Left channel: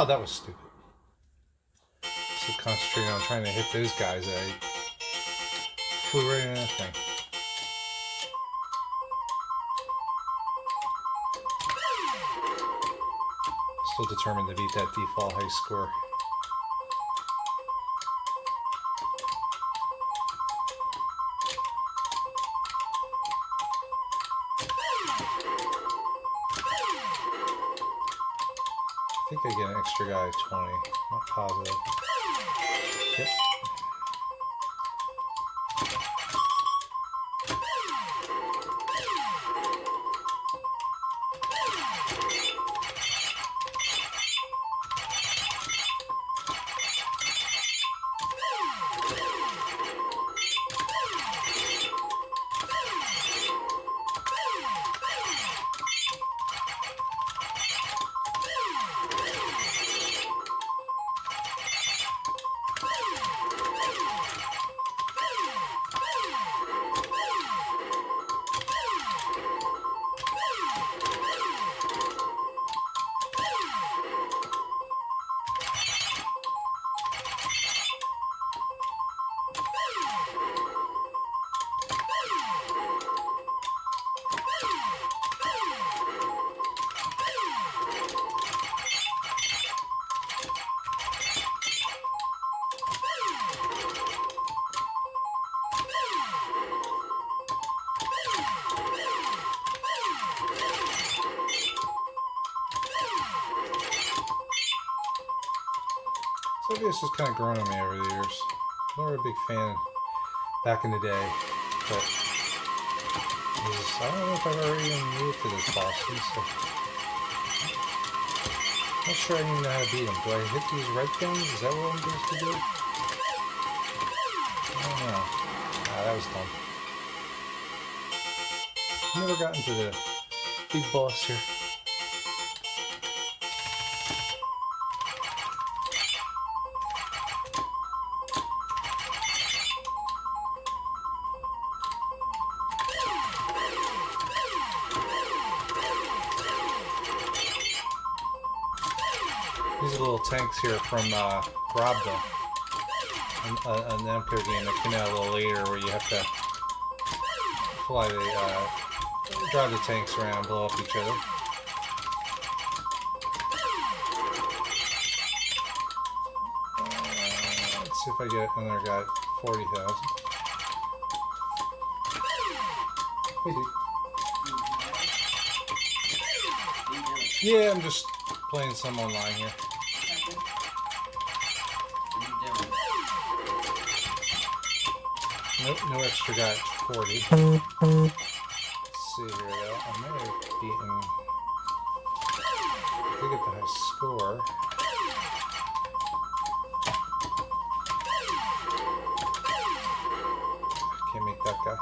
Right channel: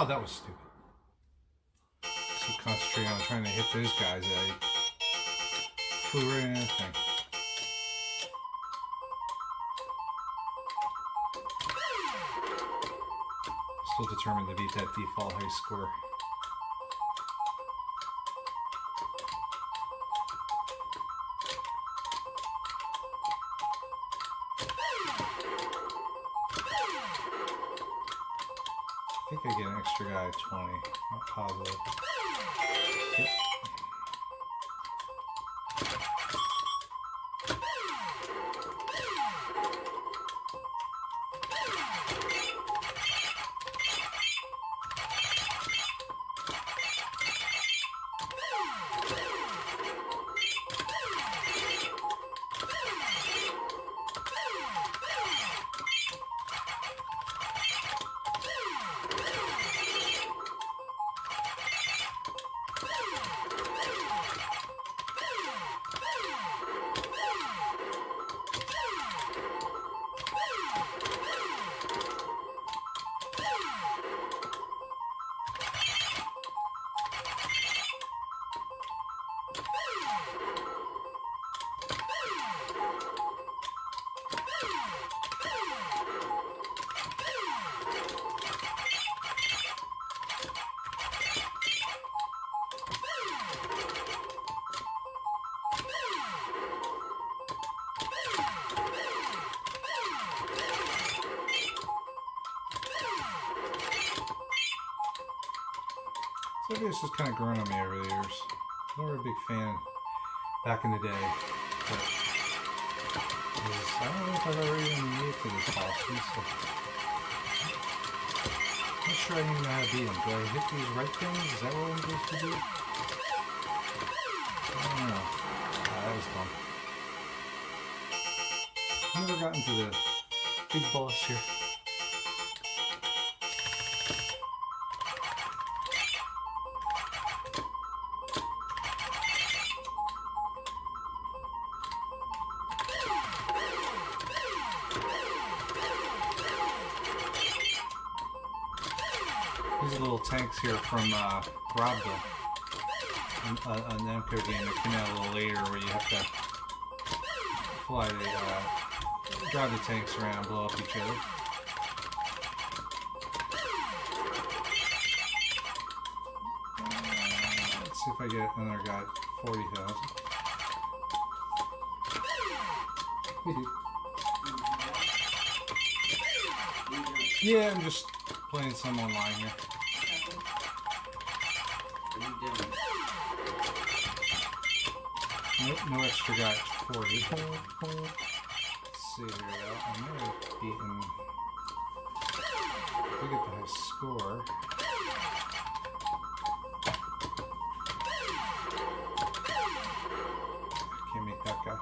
Oh, that was stupid. So concentrating on trying to hit those guys, I flew right into that thing. Still determined to beat that default high score. I think I get an extra guy at 20, not positive. Yep. Maybe it's just kind of grown on me over the years. I was never a big fan back in the day, but I don't know if I've ever even made it to this boss. So I'm not sure I even know how to beat him. Do I hit these right things? Is that what I'm supposed to do? I don't know. Ah, that was dumb. Never gotten to the big boss here. These are little tanks here from Robda, an Namco game that came out a little later where you have to fly the drive the tanks around and blow up each other. Let's see if I get another guy at 40,000. Hey, dude. Yeah, I'm just playing some online here. Nope, no extra guy at 40. Let's see here though. I might have beaten. If we get the high score. Can't make that guy.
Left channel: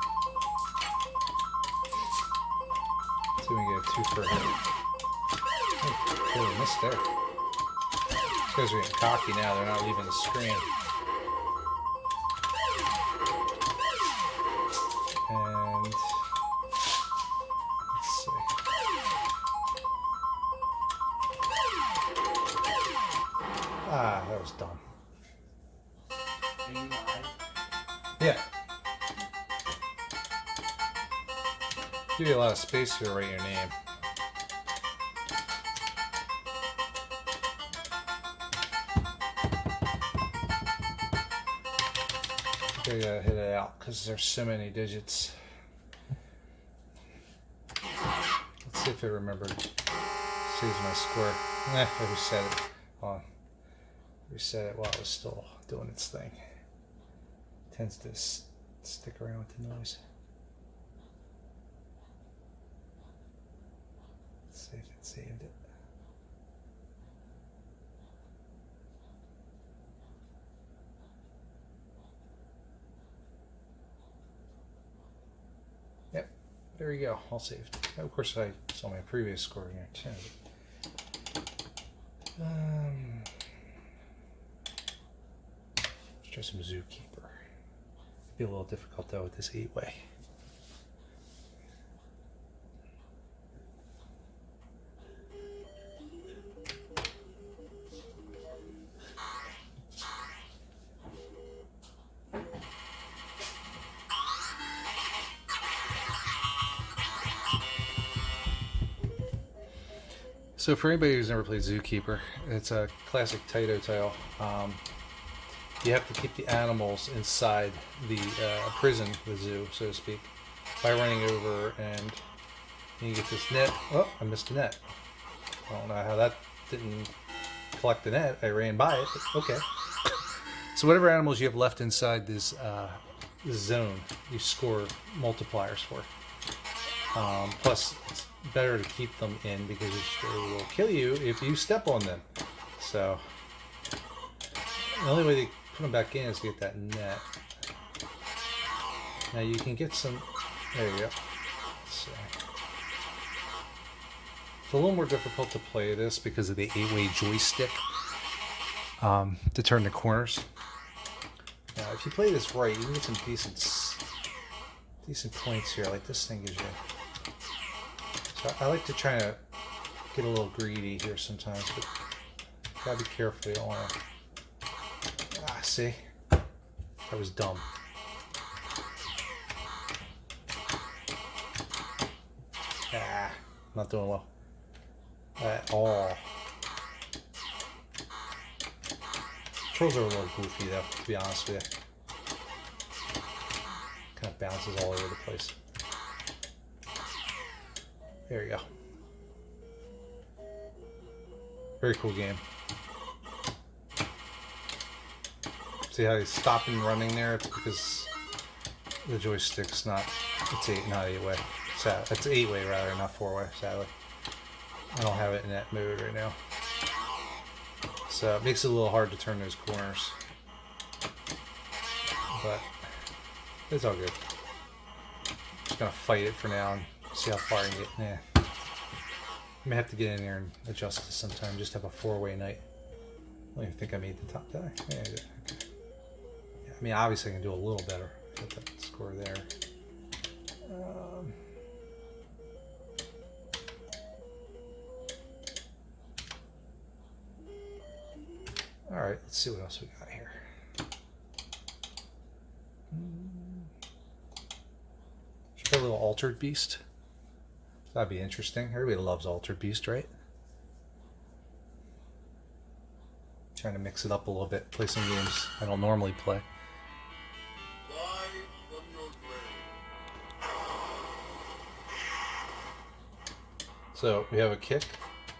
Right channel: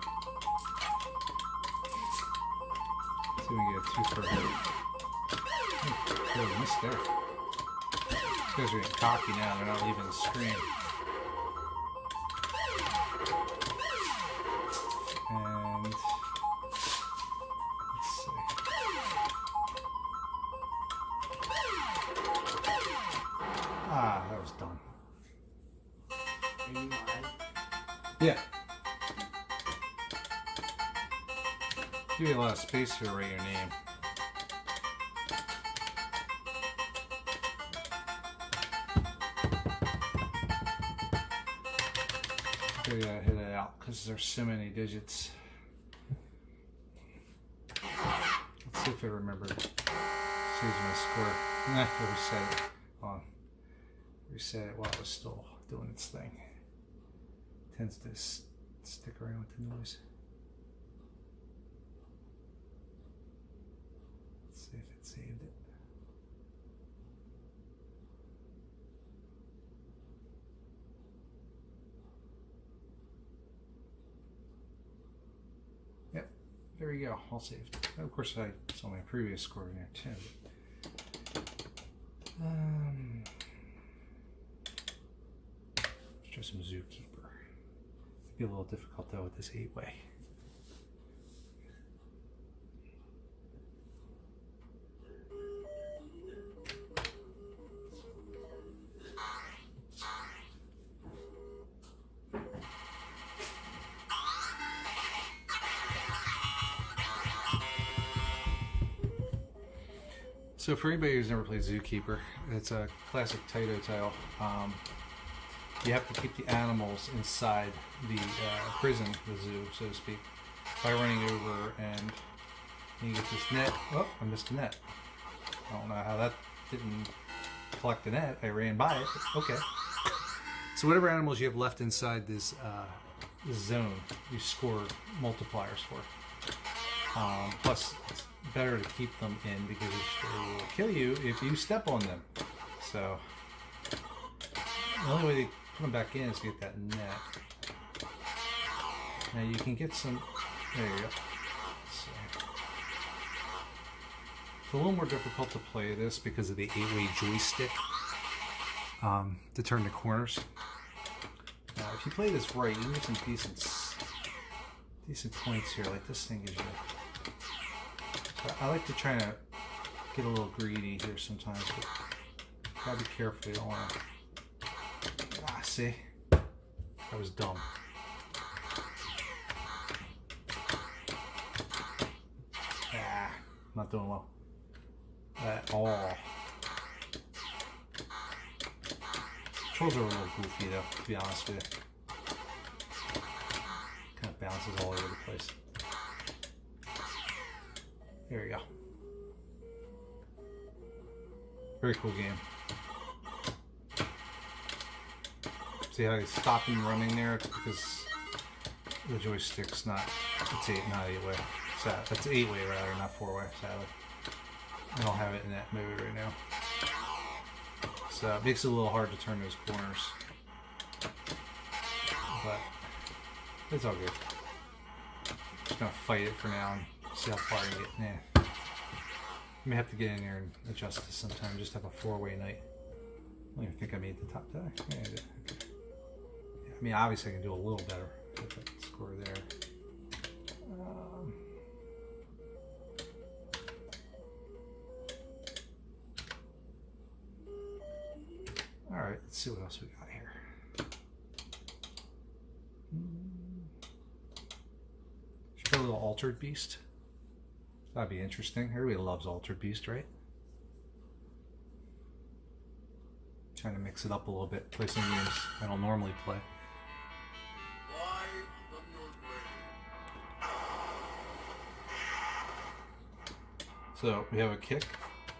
Let's see if we can get a 2 for him. Oh, missed there. These guys are getting cocky now, they're not leaving the screen. And let's see. Ah, that was dumb. Yeah. Give you a lot of space here to write your name. I gotta hit it out because there's so many digits. Let's see if it remembered. Saves my score. Nah, I reset it. Hold on. Reset it while it was still doing its thing. Tends to stick around with the noise. Let's see if it saved it. There we go, all saved. Of course, I saw my previous score in there too. Let's try some Zookeeper. Be a little difficult though with this 8-way. So for anybody who's never played Zookeeper, it's a classic Taito tile. You have to keep the animals inside the prison, the zoo, so to speak, by running over, and you get this net. Oh, I missed a net. I don't know how that didn't collect the net. I ran by it, but okay. So whatever animals you have left inside this zone, you score multipliers for. Plus, it's better to keep them in because they will kill you if you step on them. So the only way to put them back in is to get that net. Now you can get some. There you go. Let's see. It's a little more difficult to play this because of the 8-way joystick to turn the corners. Now, if you play this right, you can get some decent points here. Like this thing gives you. So I like to try to get a little greedy here sometimes, but gotta be careful. You don't want to. Ah, see, that was dumb. Ah, not doing well at all. Controls are a little goofy though, to be honest with you. Kind of bounces all over the place. There we go. See how he's stopping running there? It's because the joystick's not, it's not 8-way. It's 8-way rather, not 4-way, sadly. I don't have it in that mode right now. So it makes it a little hard to turn those corners. But it's all good. Just gonna fight it for now and see how far I can get. Yeah. I may have to get in there and adjust this sometime. Just have a 4-way night. I don't even think I made the top die. Yeah, I did. Okay. Yeah, I mean, obviously I can do a little better. Get that score there. All right, let's see what else we got here. Should put a little Altered Beast. That'd be interesting. Everybody loves Altered Beast, right? Trying to mix it up a little bit, play some games I don't normally play. So we have a kick,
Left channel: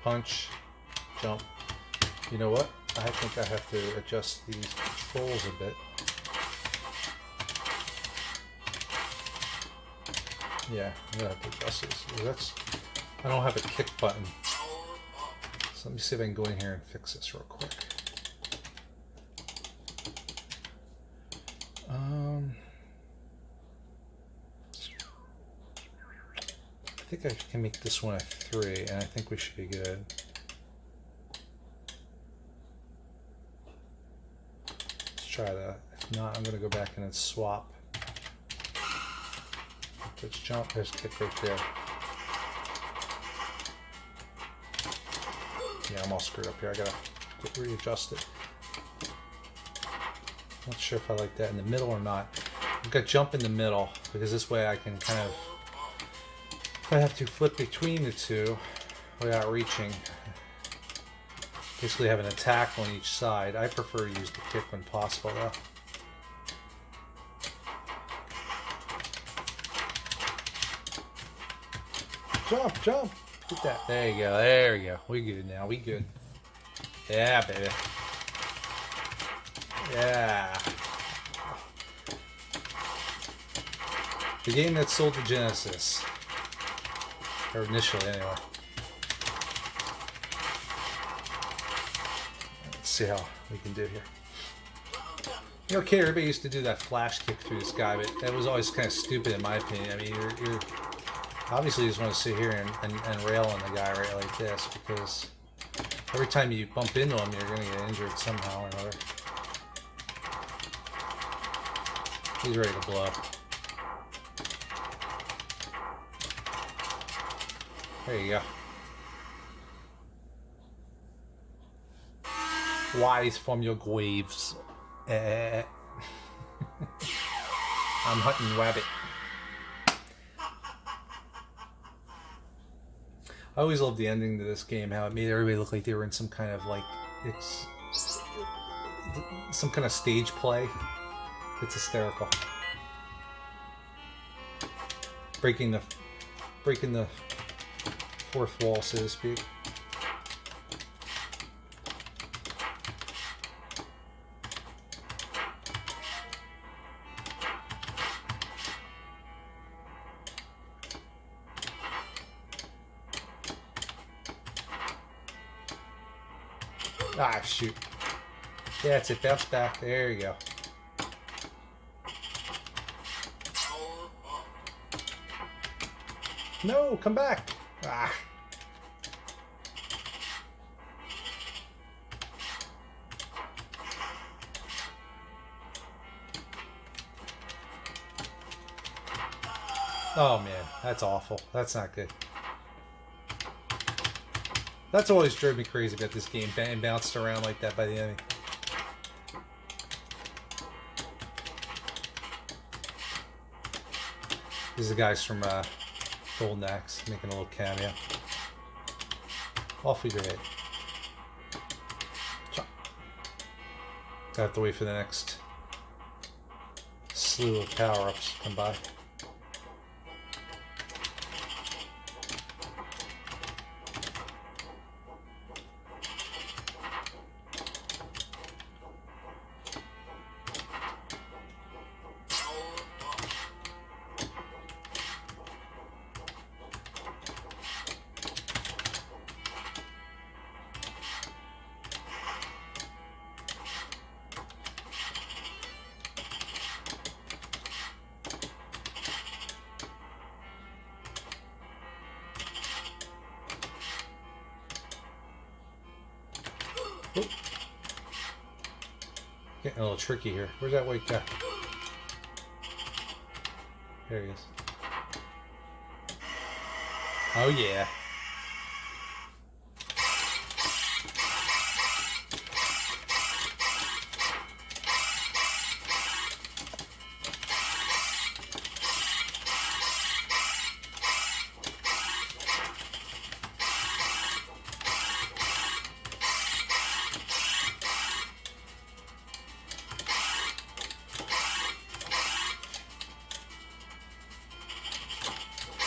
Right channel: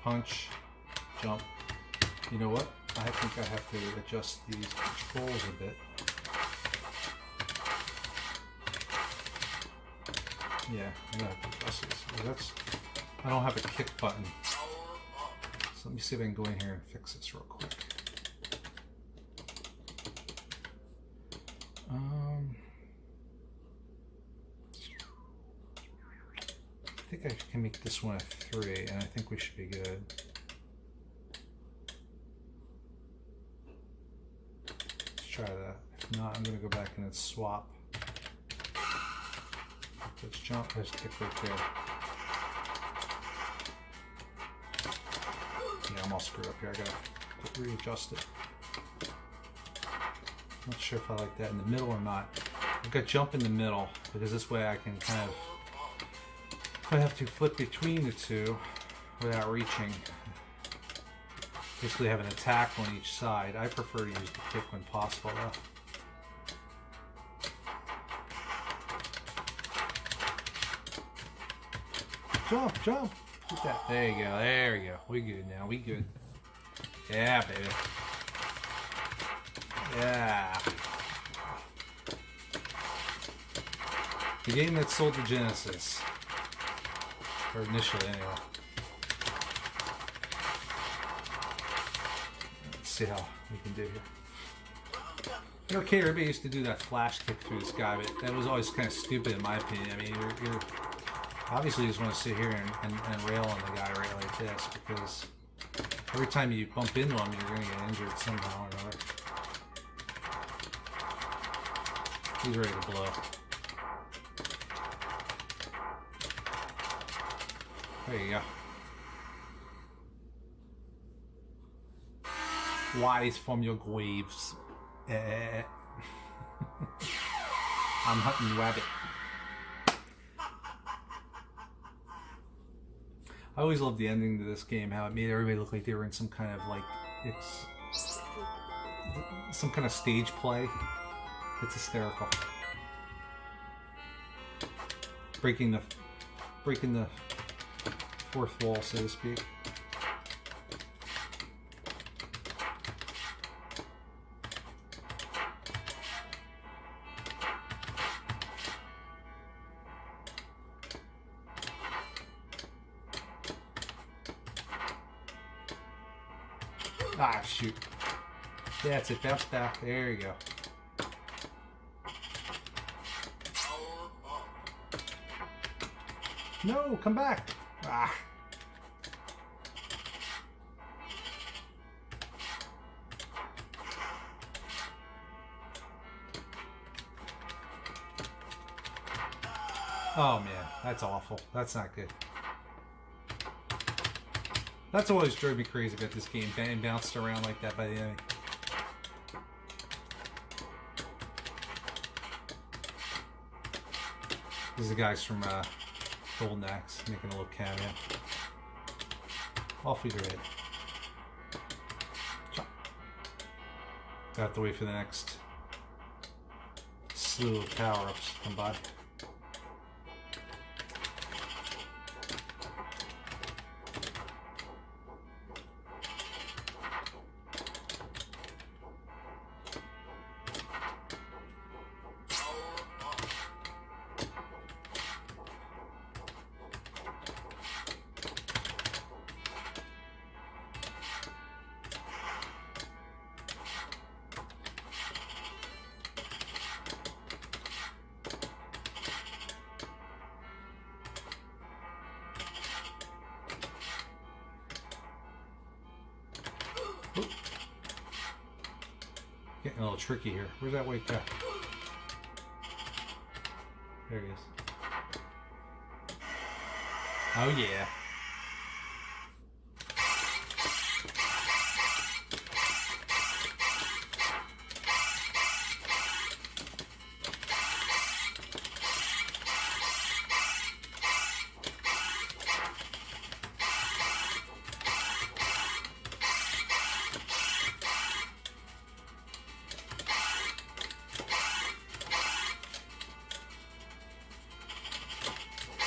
punch, jump. You know what? I think I have to adjust these controls a bit. Yeah, I'm gonna have to adjust this. I don't have a kick button. So let me see if I can go in here and fix this real quick. I think I can make this one a 3, and I think we should be good. Let's try that. If not, I'm going to go back and then swap. Let's jump, there's kick right there. Yeah, I'm all screwed up here. I gotta readjust it. Not sure if I like that in the middle or not. I've got jump in the middle because this way I can kind of, if I have to flip between the two without reaching, basically have an attack on each side. I prefer to use the kick when possible though. Jump, jump! Get that. There you go, there we go. We good now, we good. Yeah, baby. Yeah. The game that sold the Genesis. Or initially, anyway. Let's see how we can do here. You know, okay, everybody used to do that flash kick through this guy, but that was always kind of stupid in my opinion. I mean, you're obviously you just want to sit here and rail on the guy right like this, because every time you bump into him, you're going to get injured somehow or another. He's ready to blow up. There you go. Rise from your graves. I'm hunting rabbit. I always loved the ending to this game, how it made everybody look like they were in some kind of like, it's some kind of stage play. It's hysterical. Breaking the fourth wall, so to speak. Ah, shoot. That's it, bounce back. There you go. No, come back. Ah. Oh man, that's awful. That's not good. That's always drove me crazy about this game, being bounced around like that by the enemy. These are the guys from Golden Axe making a little cameo. Off we go. I have to wait for the next slew of power-ups to come by. Getting a little tricky here. Where's that white guy? There he is. Oh yeah.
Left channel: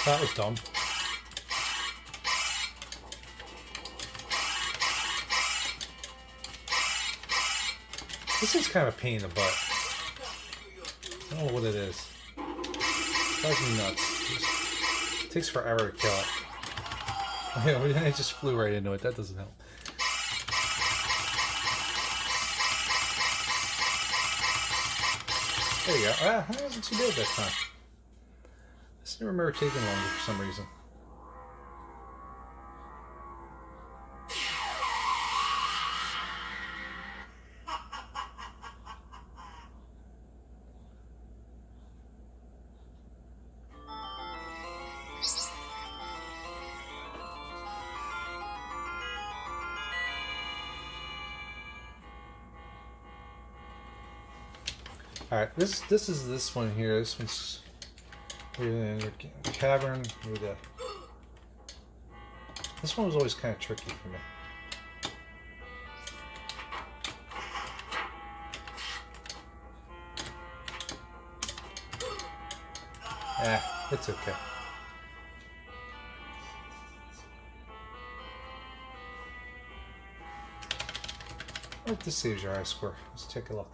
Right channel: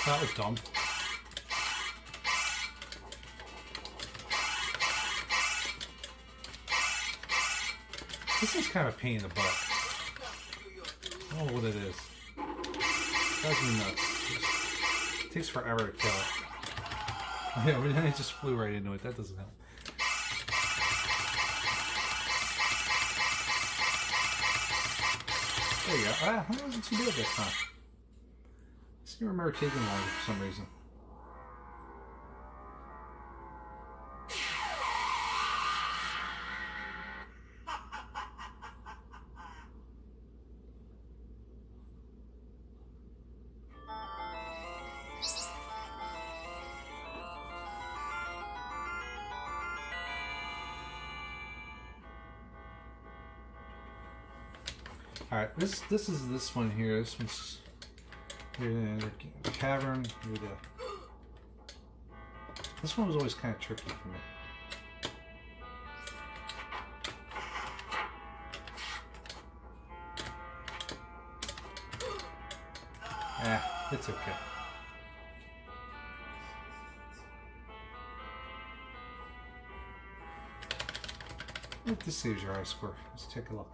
That was dumb. This is kind of a pain in the butt. I don't know what it is. It drives me nuts. It takes forever to kill it. Yeah, I just flew right into it. That doesn't help. There you go. Ah, that wasn't too bad that time. I just remember taking longer for some reason. Alright, this is this one here. This one's the cavern with a. This one was always kind of tricky for me. Ah, it's okay. I hope this saves your high score. Let's take a look.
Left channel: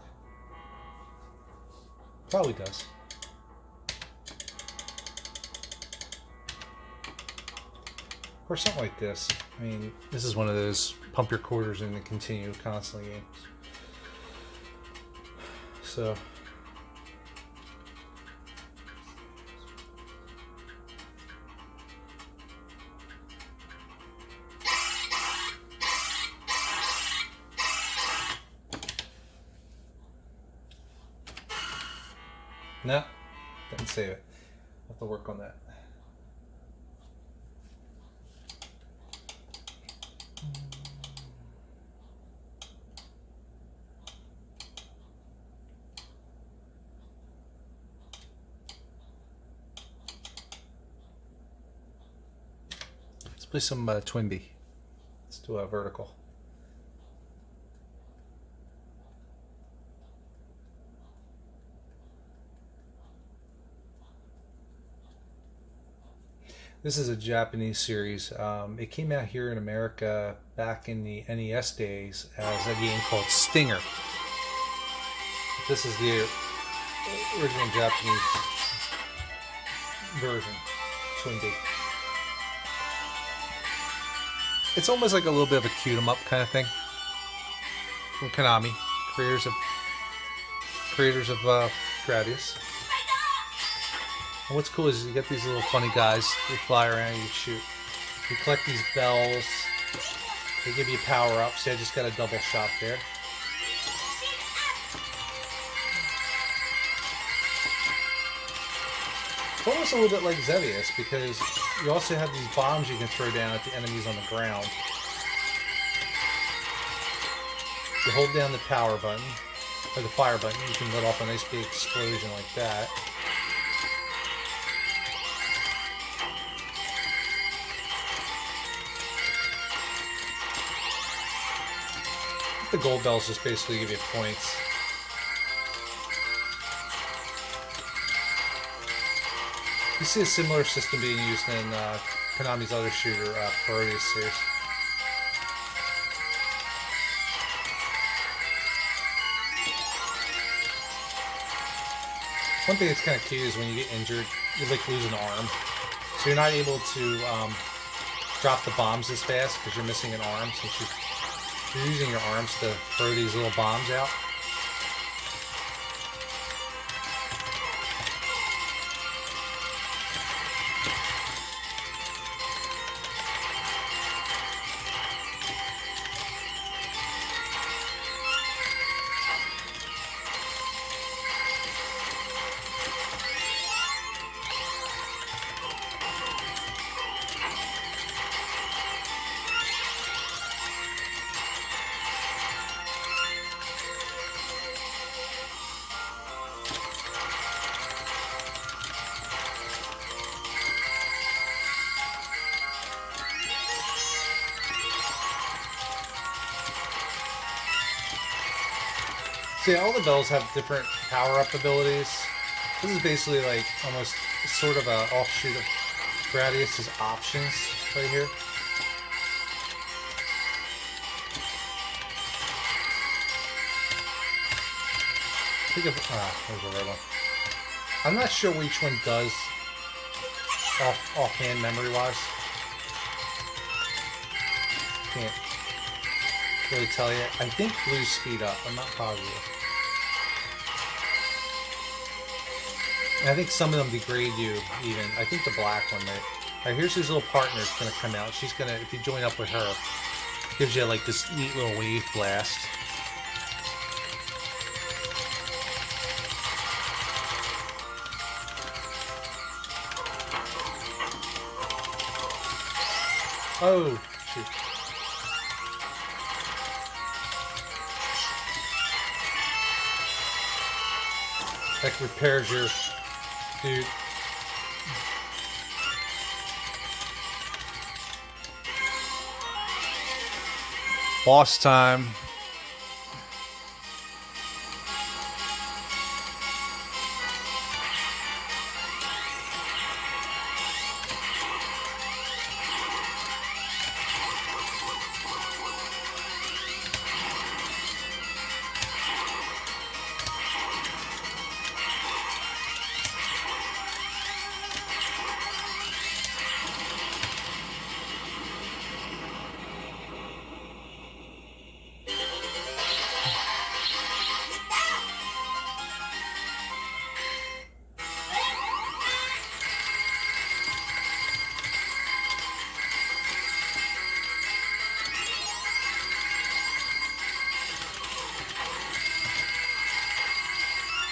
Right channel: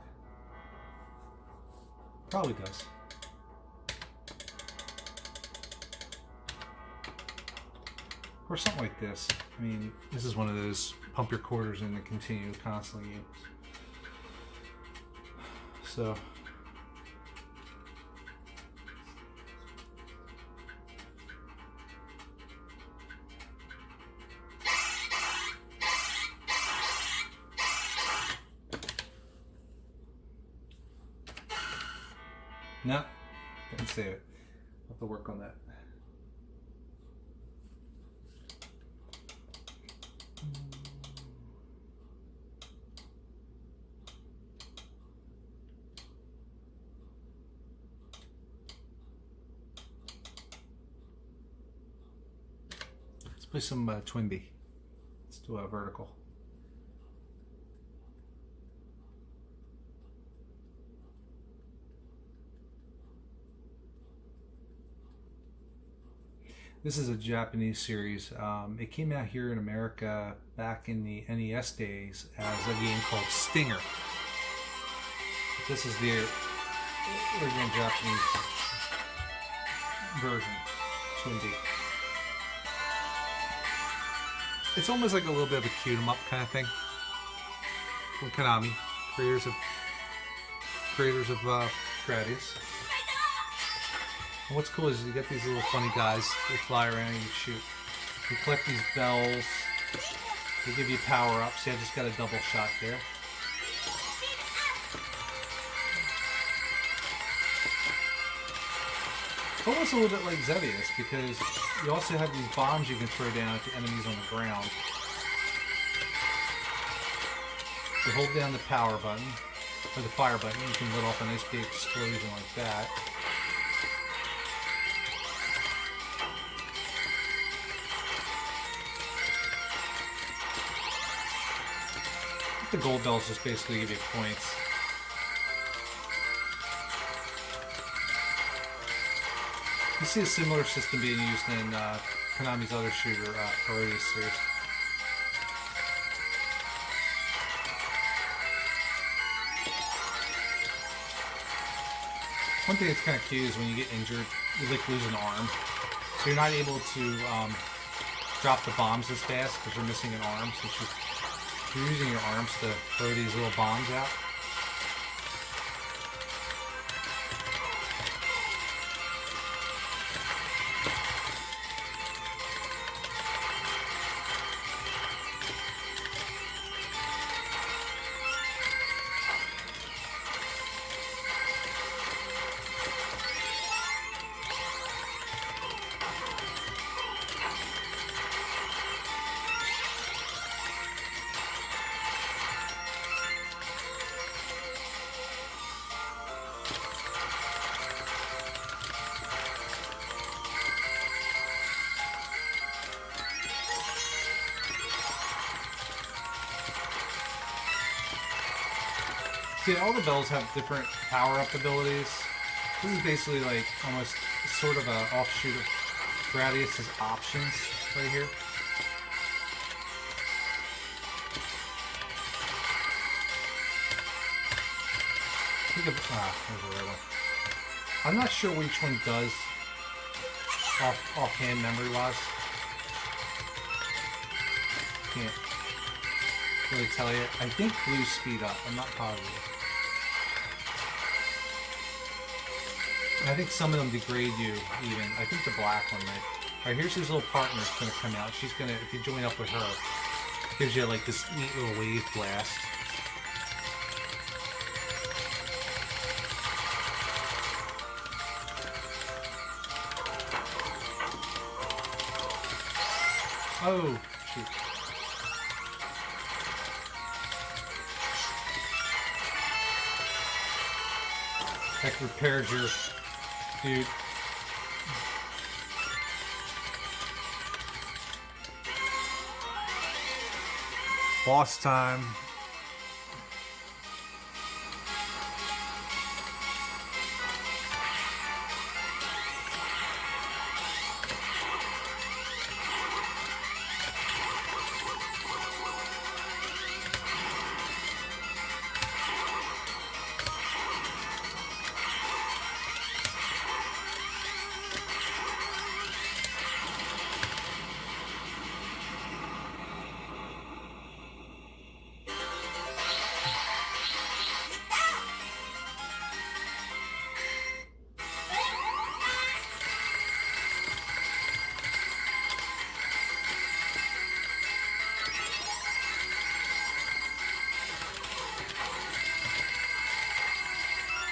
Probably does. Or something like this. I mean, this is one of those pump your quarters in and continue constantly games. So. No, didn't save it. I'll have to work on that. Let's play some Twinbee. Let's do a vertical. This is a Japanese series. It came out here in America back in the NES days as a game called Stinger. This is the original Japanese version, Twinbee. It's almost like a little bit of a cute 'em up kind of thing from Konami, creators of Gradius. And what's cool is you get these little funny guys. They fly around and you shoot. You collect these bells. They give you power ups. See, I just got a double shot there. It's almost a little bit like Xevious because you also have these bombs you can throw down at the enemies on the ground. You hold down the power button, or the fire button, you can let off a nice big explosion like that. The gold bells just basically give you points. You see a similar system being used in Konami's other shooter, Parodius series. One thing that's kind of cute is when you get injured, you like lose an arm. So you're not able to drop the bombs as fast because you're missing an arm since you're using your arms to throw these little bombs out. See, all the bells have different power-up abilities. This is basically like almost sort of an offshoot of Gradius's options right here. There's a red one. I'm not sure which one does offhand memory-wise. Can't really tell you. I think blue's speed up. I'm not positive. And I think some of them degrade you even. I think the black one might. Alright, here's his little partner that's gonna come out. She's gonna, if you join up with her, gives you like this neat little wave blast. Oh, shoot. That repairs your dude. Boss time.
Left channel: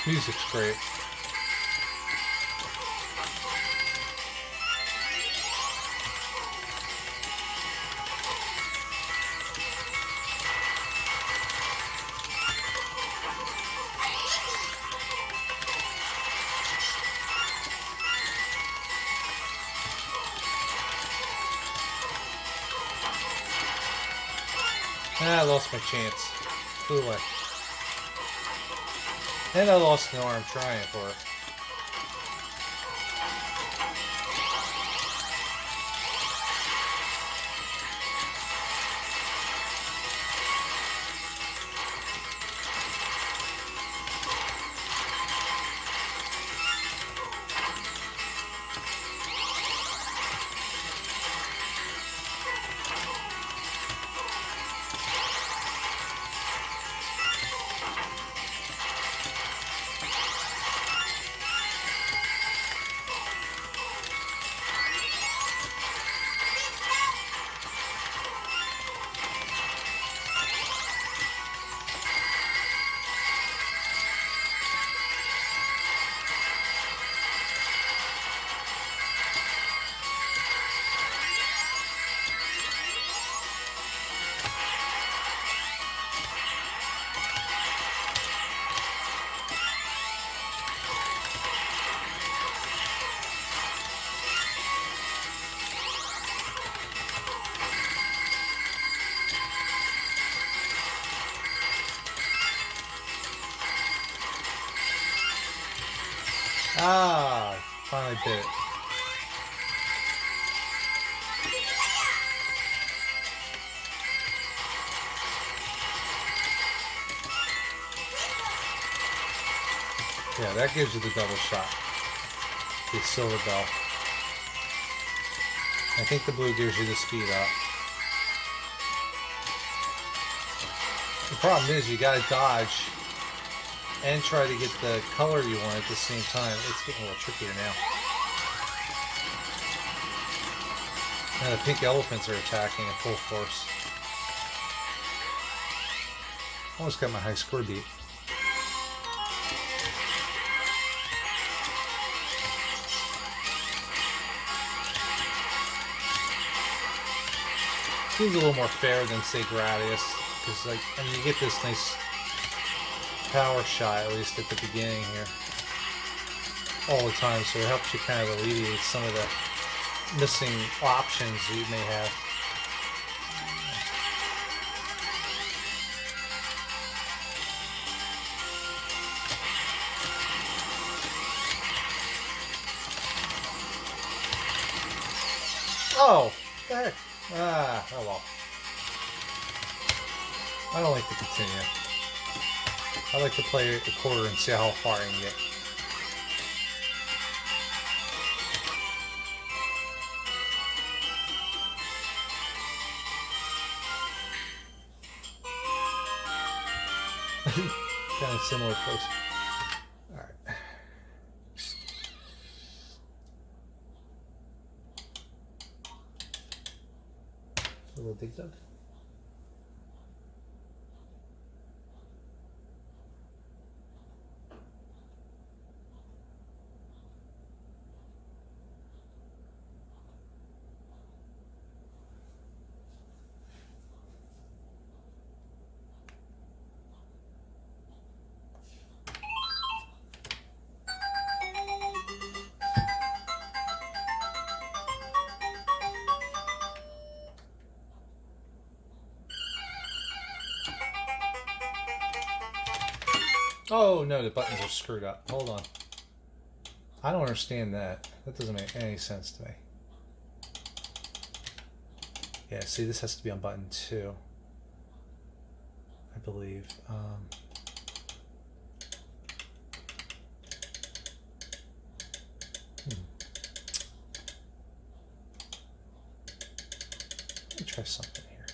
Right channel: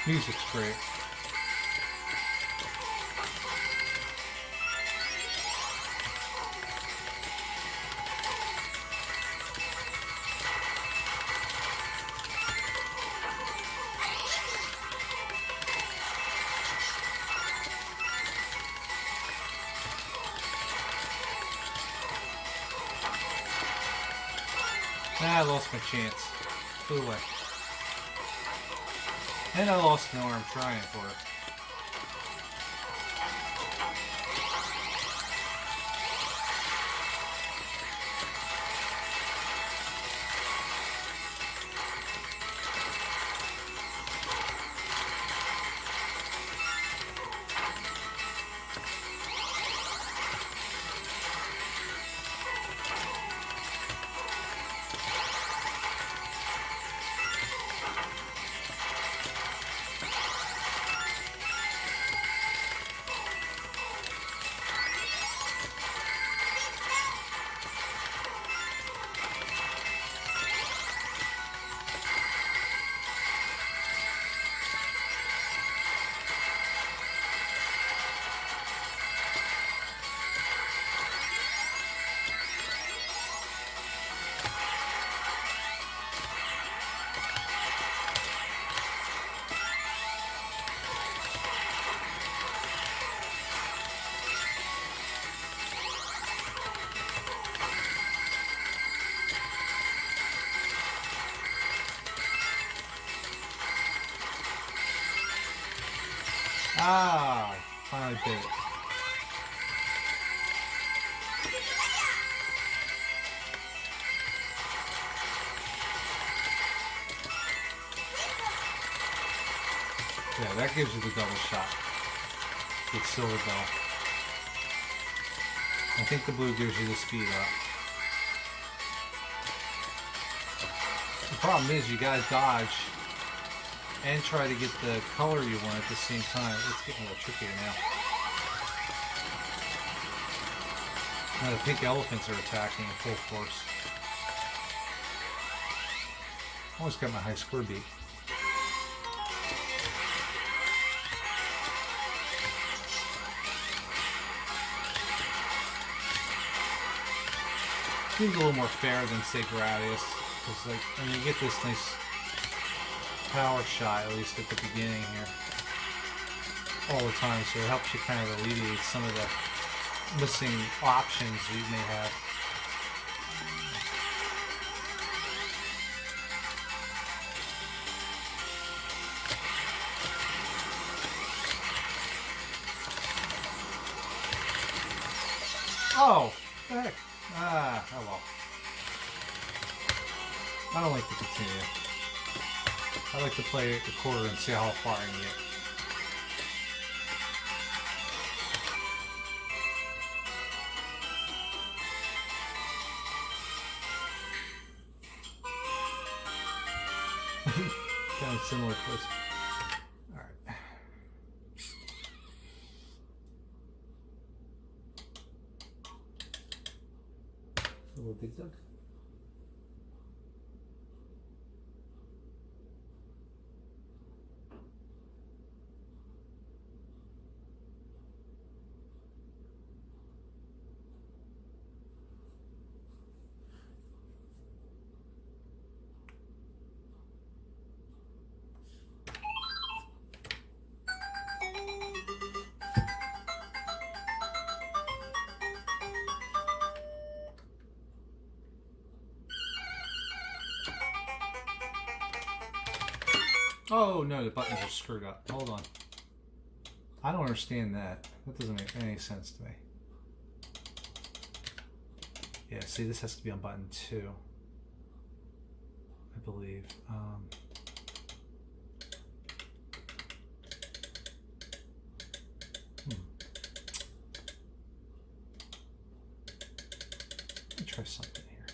Music's great. I lost my chance. Flew away. And I lost an arm trying for it. Ah, finally did it. Yeah, that gives you the double shot. The silver bell. I think the blue gives you the speed up. The problem is you gotta dodge and try to get the color you want at the same time. It's getting a little trickier now. Now the pink elephants are attacking at full force. Almost got my high score beat. Seems a little more fair than, say, Gradius, because, like, I mean, you get this nice power shot, at least at the beginning here, all the time, so it helps you kind of alleviate some of the missing options you may have. I like to play a quarter and see how far I can get. Kind of similar place. All right. A little dig dug. Oh no, the buttons are screwed up. Hold on. I don't understand that. That doesn't make any sense to me. Yeah, see, this has to be on button 2. I believe. Let me try something here.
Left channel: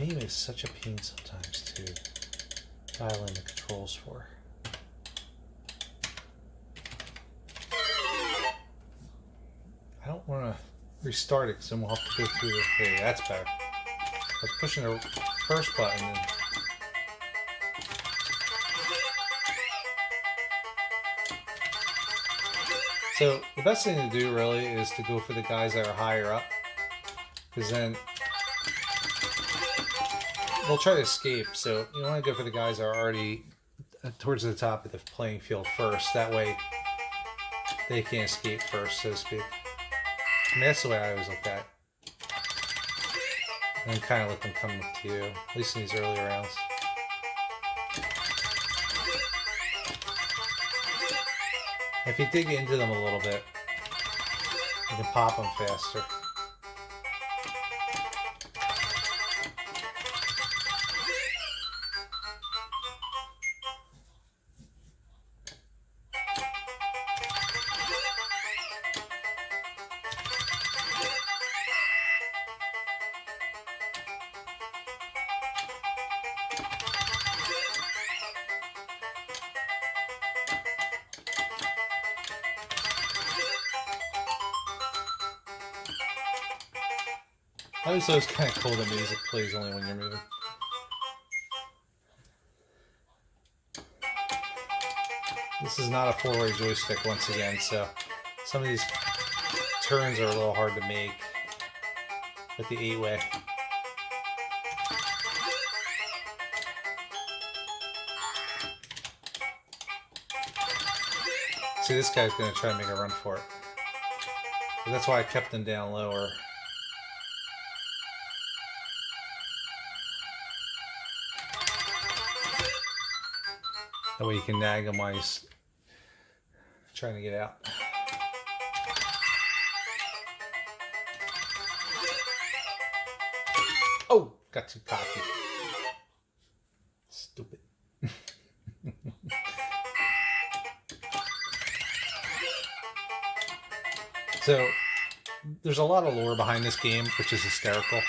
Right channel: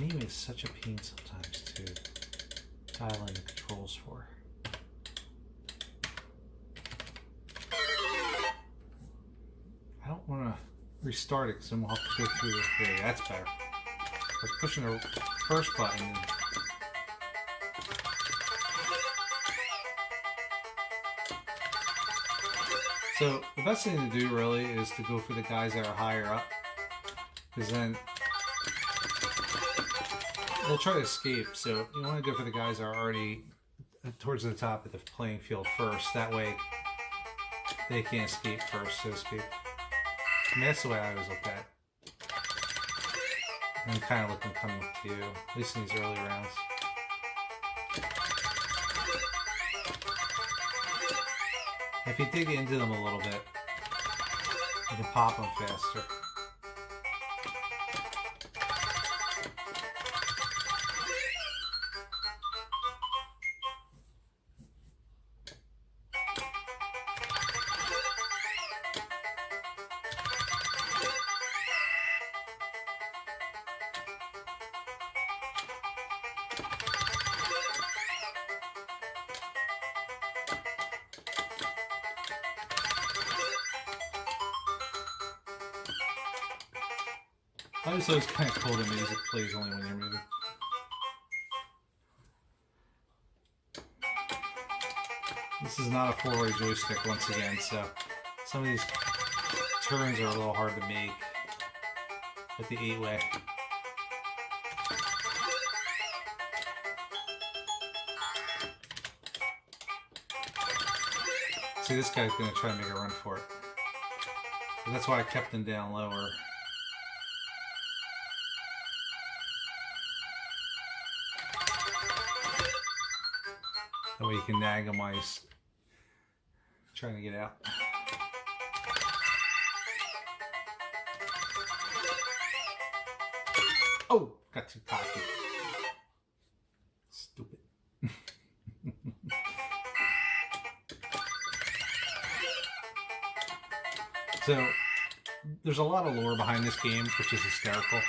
Maybe it's such a pain sometimes to dial in the controls for. I don't want to restart it because then we'll have to go through this. There, that's better. I was pushing the first button. And so the best thing to do really is to go for the guys that are higher up, because then they'll try to escape. So you want to go for the guys that are already towards the top of the playing field first. That way they can't escape first, so to speak. And that's the way I always look at it. And kind of let them come to you, at least in these early rounds. If you dig into them a little bit, you can pop them faster. I always thought it was kind of cool the music plays only when you're moving. This is not a 4-way joystick once again, so some of these turns are a little hard to make with the 8-way. See, this guy's going to try to make a run for it. But that's why I kept them down lower. That way you can nag him while he's trying to get out. Oh, got too cocky. Stupid. So, there's a lot of lore behind this game, which is hysterical.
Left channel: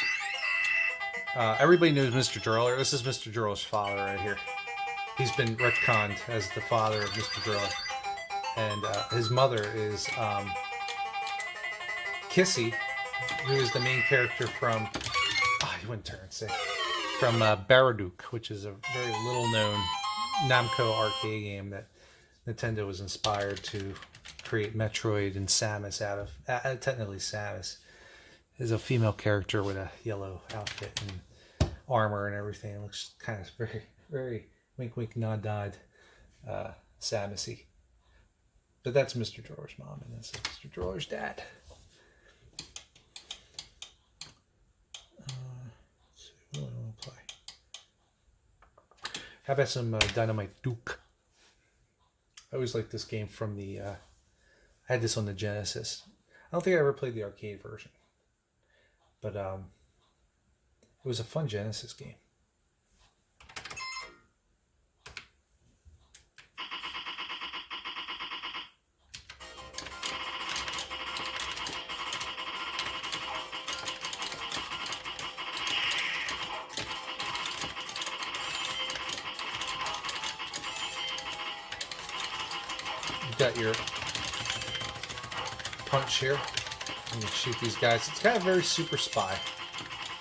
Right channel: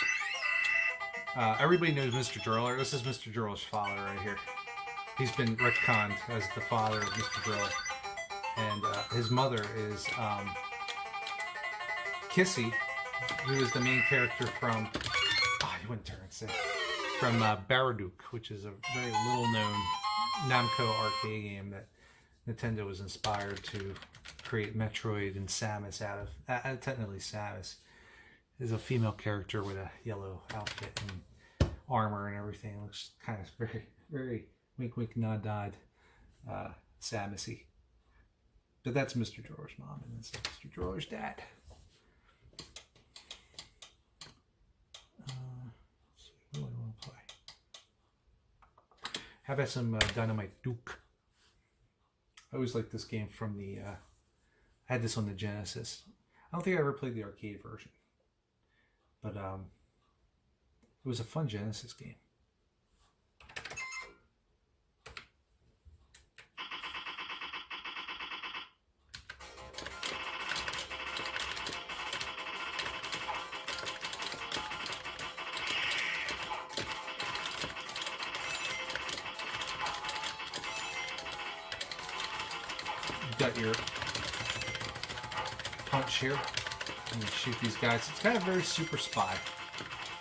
Everybody knows Mr. Driller. This is Mr. Driller's father right here. He's been retconned as the father of Mr. Drill. And his mother is Kissy, who is the main character from, you wouldn't turn and say, from Baradook, which is a very little known Namco arcade game that Nintendo was inspired to create Metroid and Samus out of. Technically Samus is a female character with a yellow outfit and armor and everything. It looks kind of very, very wink wink nod nod Samusy. But that's Mr. Driller's mom and that's Mr. Driller's dad. Let's see, what do I want to play? How about some Dynamite Duke? I always liked this game from the I had this on the Genesis. I don't think I ever played the arcade version. But It was a fun Genesis game. You've got your punch here. And you shoot these guys. It's kind of very Super Spy.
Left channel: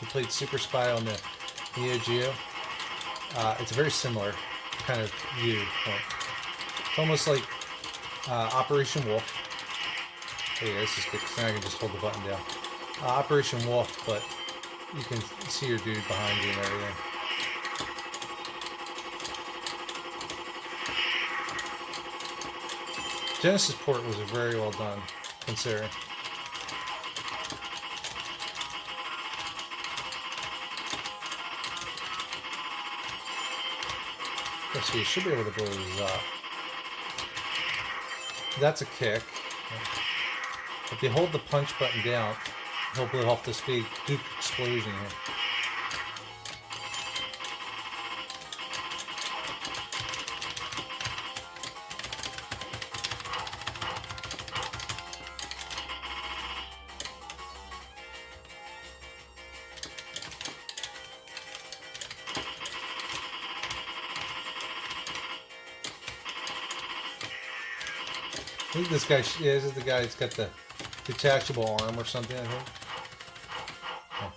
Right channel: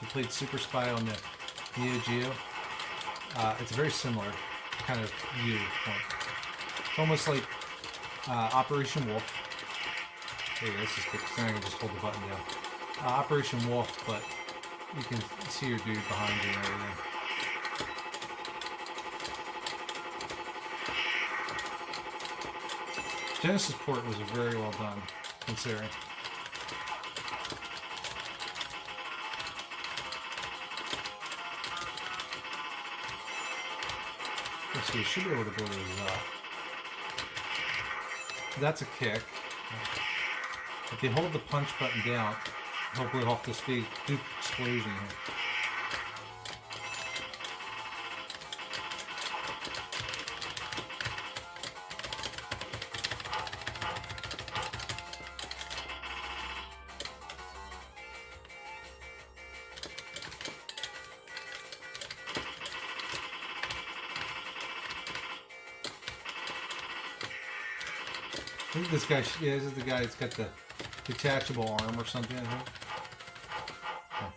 You played Super Spy on the Neo Geo. It's a very similar kind of viewpoint. It's almost like Operation Wolf. Oh yeah, this is good because now I can just hold the button down. Operation Wolf, but you can see your dude behind you and everything. Genesis port was very well done, considering. Let's see, you should be able to blow these up. That's a kick. If you hold the punch button down, he'll blow off this big Duke explosion here. I think this guy, yeah, this is the guy that's got the detachable arm or something, I think. Oh.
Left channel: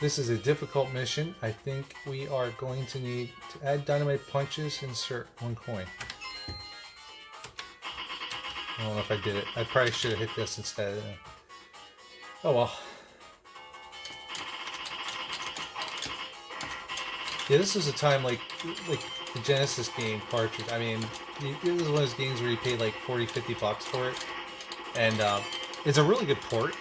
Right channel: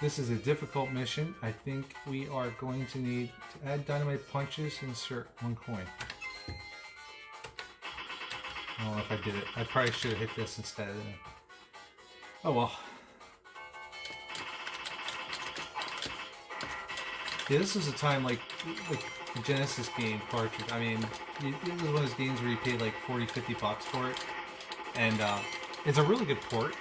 This is a difficult mission. I think we are going to need to add dynamite punches, insert 1 coin. I don't know if I did it. I probably should have hit this instead. Oh well. Yeah, this is a time like the Genesis game cartridge. I mean, it was one of those games where you paid like 40, 50 bucks for it. And it's a really good port.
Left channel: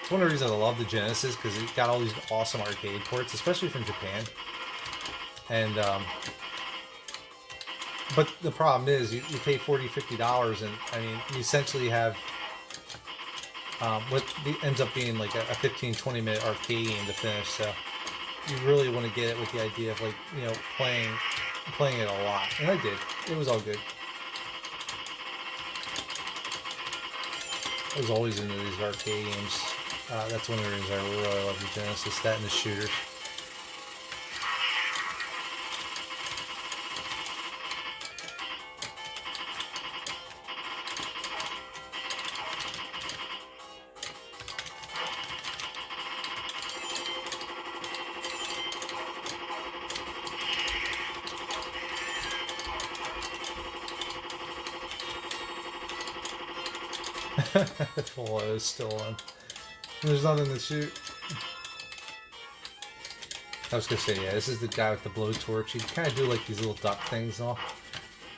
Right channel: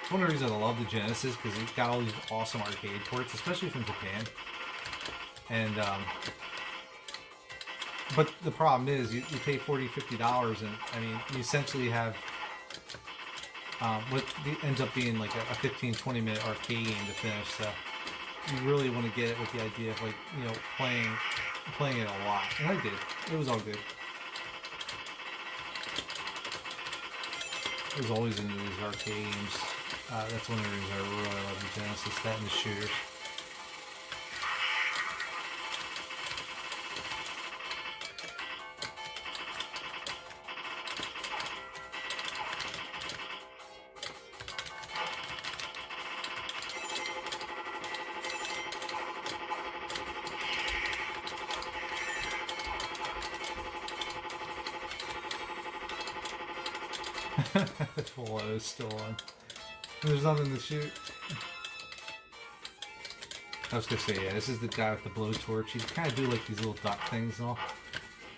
It's one of the reasons I love the Genesis, because it got all these awesome arcade ports, especially from Japan. And but the problem is you pay $40, $50, and I mean you essentially have what ends up being like a 15, 20-minute arcade game to finish. So you really want to get it with the idea of, like, you know, playing it a lot, and I did. It was all good. I was always into these arcade games. That's one of the reasons I really love the Genesis, that and the shooters. Full is still on. There's nothing to shoot. I was gonna say, yeah, this is the guy with the blowtorch. You kind of do like these little duck things and all.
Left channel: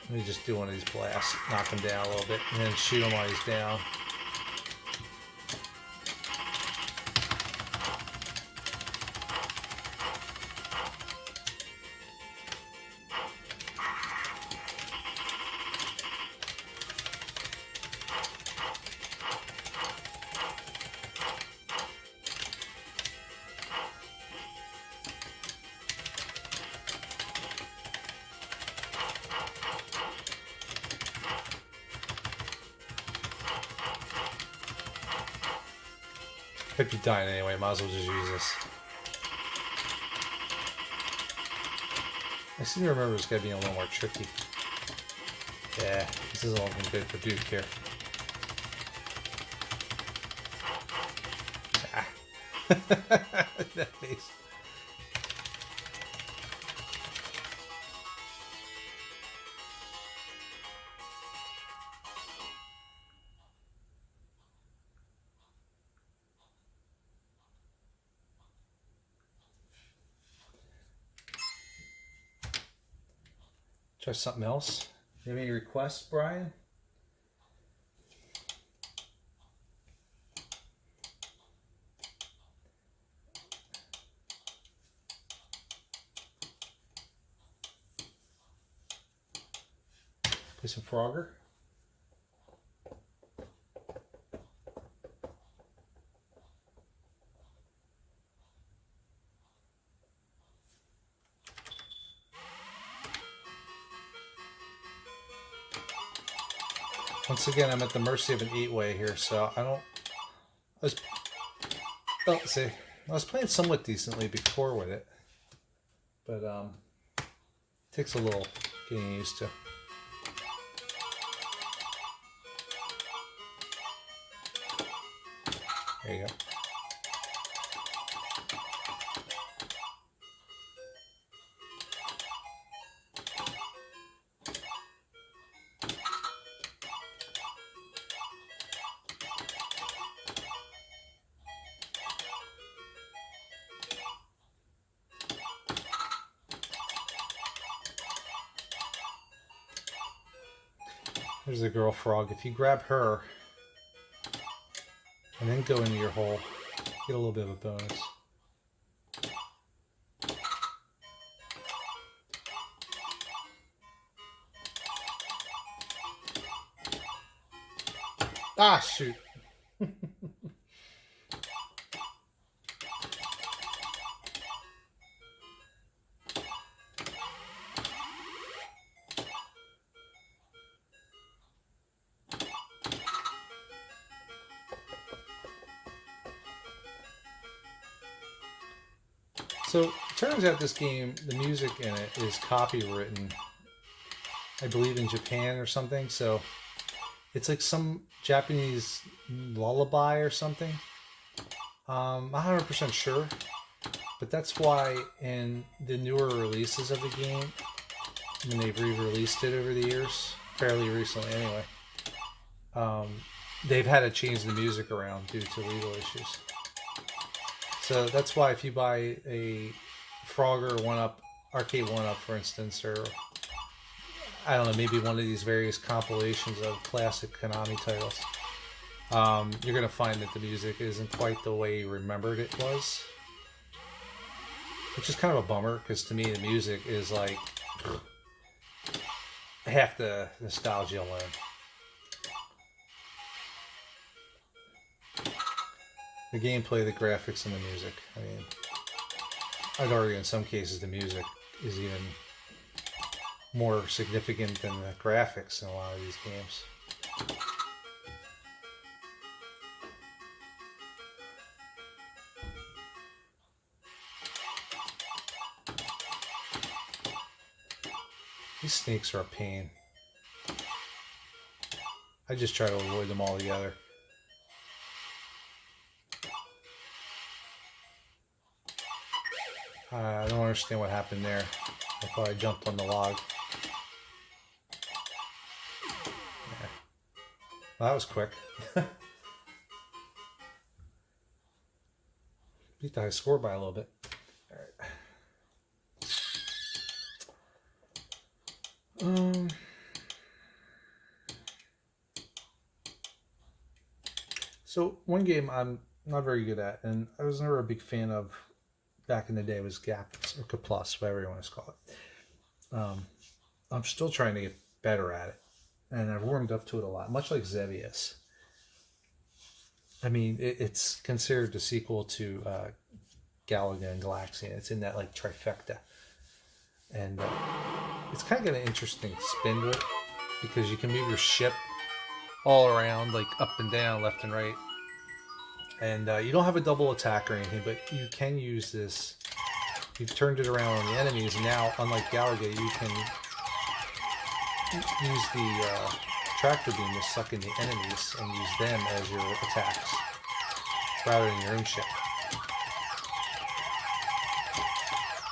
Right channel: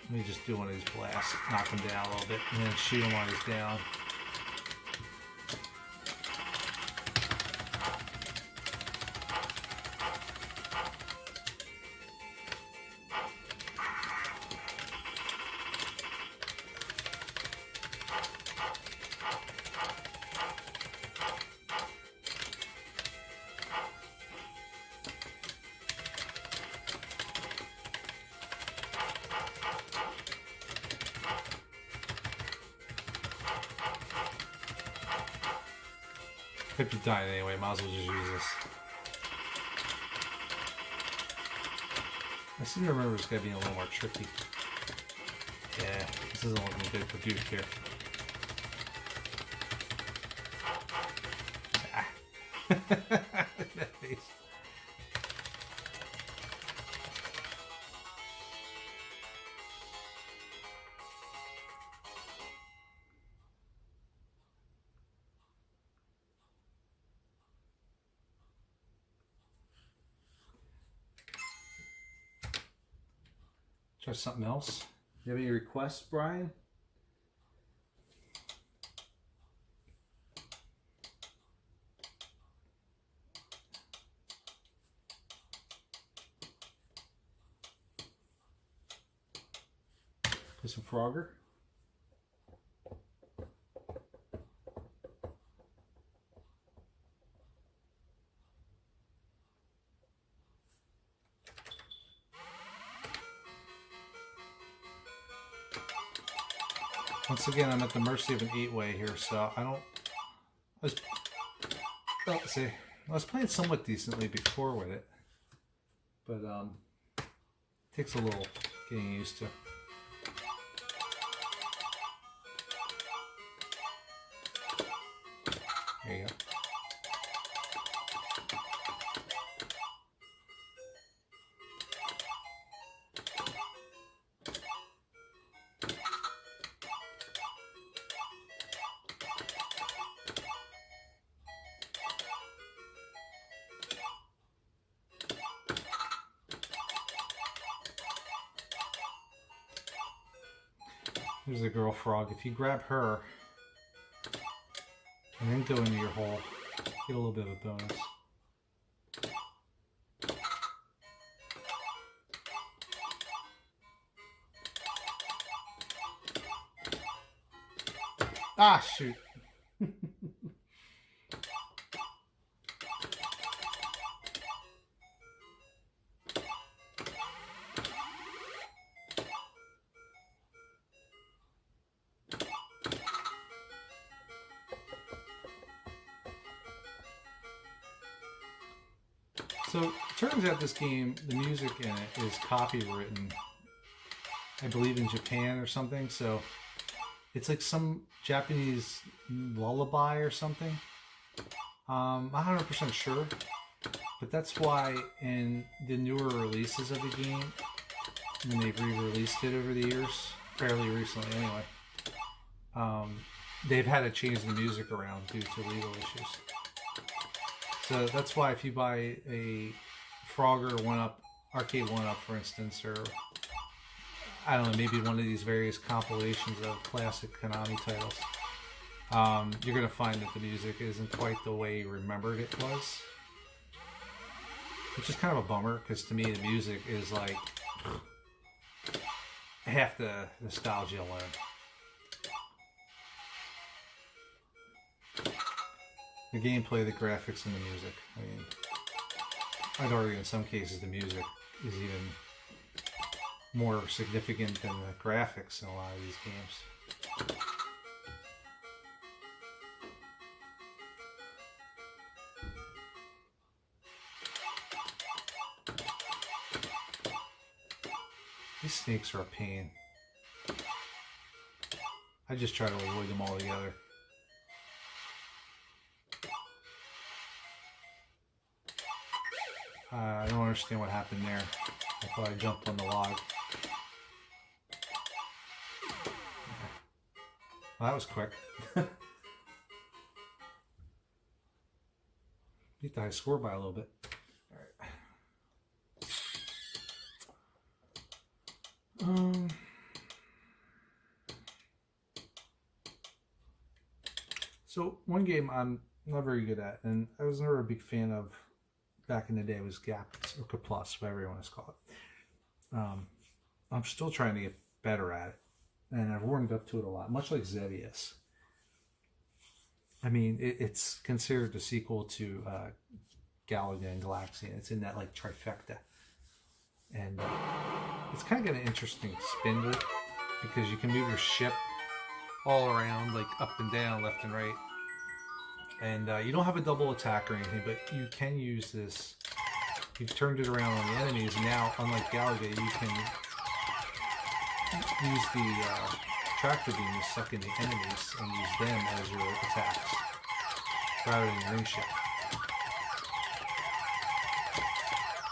Let me just do one of these blasts, knock him down a little bit, and then shoot him while he's down. Could be dying anyway, might as well just use this. I seem to remember it's gotta be a little more tricky. Yeah, this is all good for Duke here. Ah. That face. Try something else. You have any requests, Brian? Play some Frogger. Once again, I'm at the mercy of an 8-way here, so I was playing somewhat decently before with it, but it takes a little getting used to. There you go. There's the girl frog. If you grab her and then go into your hole, get a little bit of a bonus. Ah, shoot. So it turns out this game, the music in it is copywritten, I believe in Japan or something. So it's like some Japanese lullaby or something. I'm not 100% sure, but that's why in the newer releases of the game, when they've re-released it over the years, fairly recently anyway, they've had to change the music around due to legal issues. So that's why if you buy a Frogger 1-up, Arcade1up, for instance, or I don't know, maybe one of these various compilations of classic Konami titles, you're going to find that the music isn't quite the way you remembered it was. Which is kind of a bummer, because to me the music is like half the nostalgia win. The gameplay, the graphics, and the music. I mean, I'd argue in some cases the music is even more significant than the graphics in a lot of these games. These snakes are a pain. I just try to avoid them altogether. I don't understand what happened there. I thought I jumped on the log. Yeah. Well, that was quick. Beat the high score by a little bit. All right. So one game I'm not very good at, and I was never a big fan of back in the day, was Gap or Plus, whatever you want to call it. I'm still trying to get better at it, and I've warmed up to it a lot, much like Xevious. I mean, it's considered the sequel to Galaga and Galaxian. It's in that like trifecta, and it's kind of got an interesting spin to it because you can move your ship all around, like up and down, left and right. And you don't have a double attack or anything, but you can use this. You've turned it around on the enemies, and now, unlike Galaga, you can use the tractor beam to suck in the enemies and use them as your attacks, rather than your own ship.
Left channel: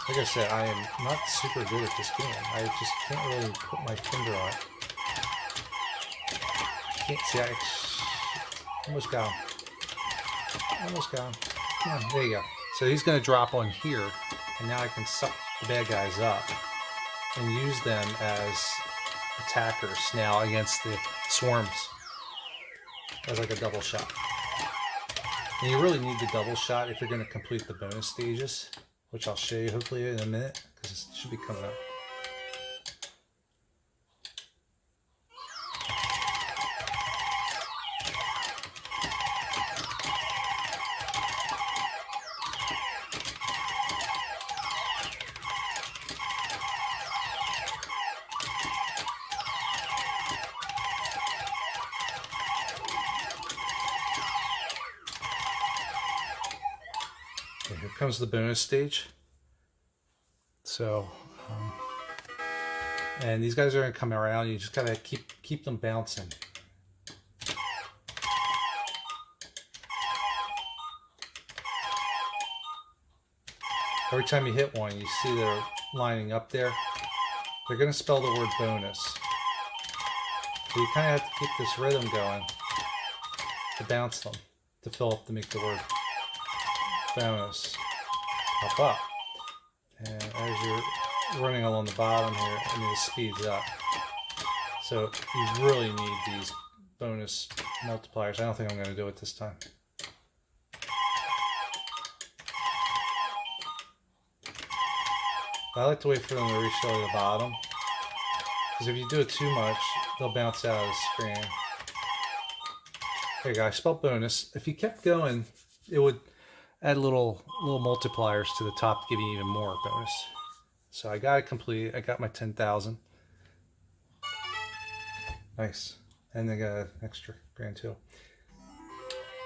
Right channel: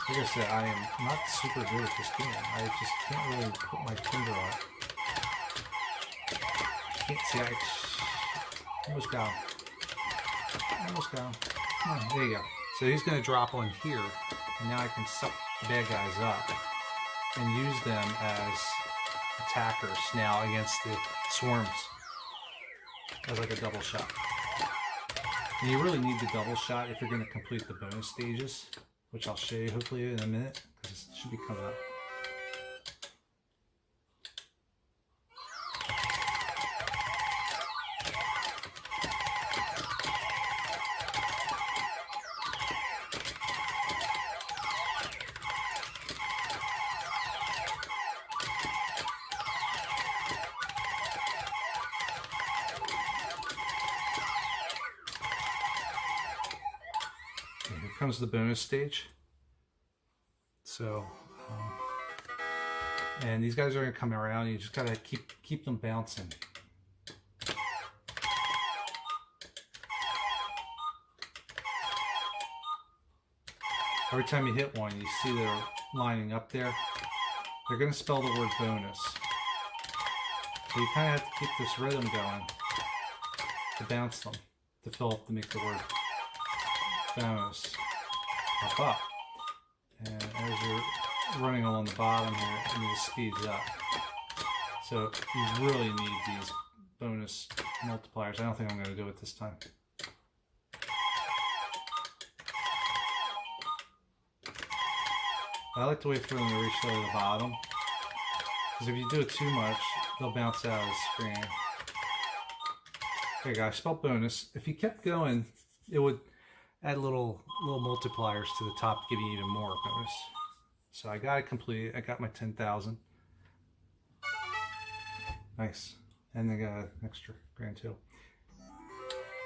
Like I said, I am not super good at this game. I just can't really put my finger on it. Can't see, I almost got him. Almost got him. Yeah, there you go. So he's going to drop on here, and now I can suck the bad guys up and use them as attackers now against the swarms. That's like a double shot. And you really need the double shot if you're going to complete the bonus stages, which I'll show you hopefully in a minute, because it should be coming up. Here comes the bonus stage. So, and these guys are going to come around. You just got to keep them bouncing. Every time you hit one, you see they're lining up there. They're going to spell the word bonus. So you kind of have to keep this rhythm going to bounce them, to fill up, to make the word bonus pop up. And as you're running along the bottom here, it speeds up. So you really need these bonus multipliers. I don't think I'm going to do it this time. I like to wait for them to reach all the bottom, because if you do it too much, they'll bounce out of the screen. There you go, I spelled bonus. If you kept going, it would add little multipliers to the top to give you even more bonus. So I got it complete. I got my 10,000. Nice. And they got an extra grand too.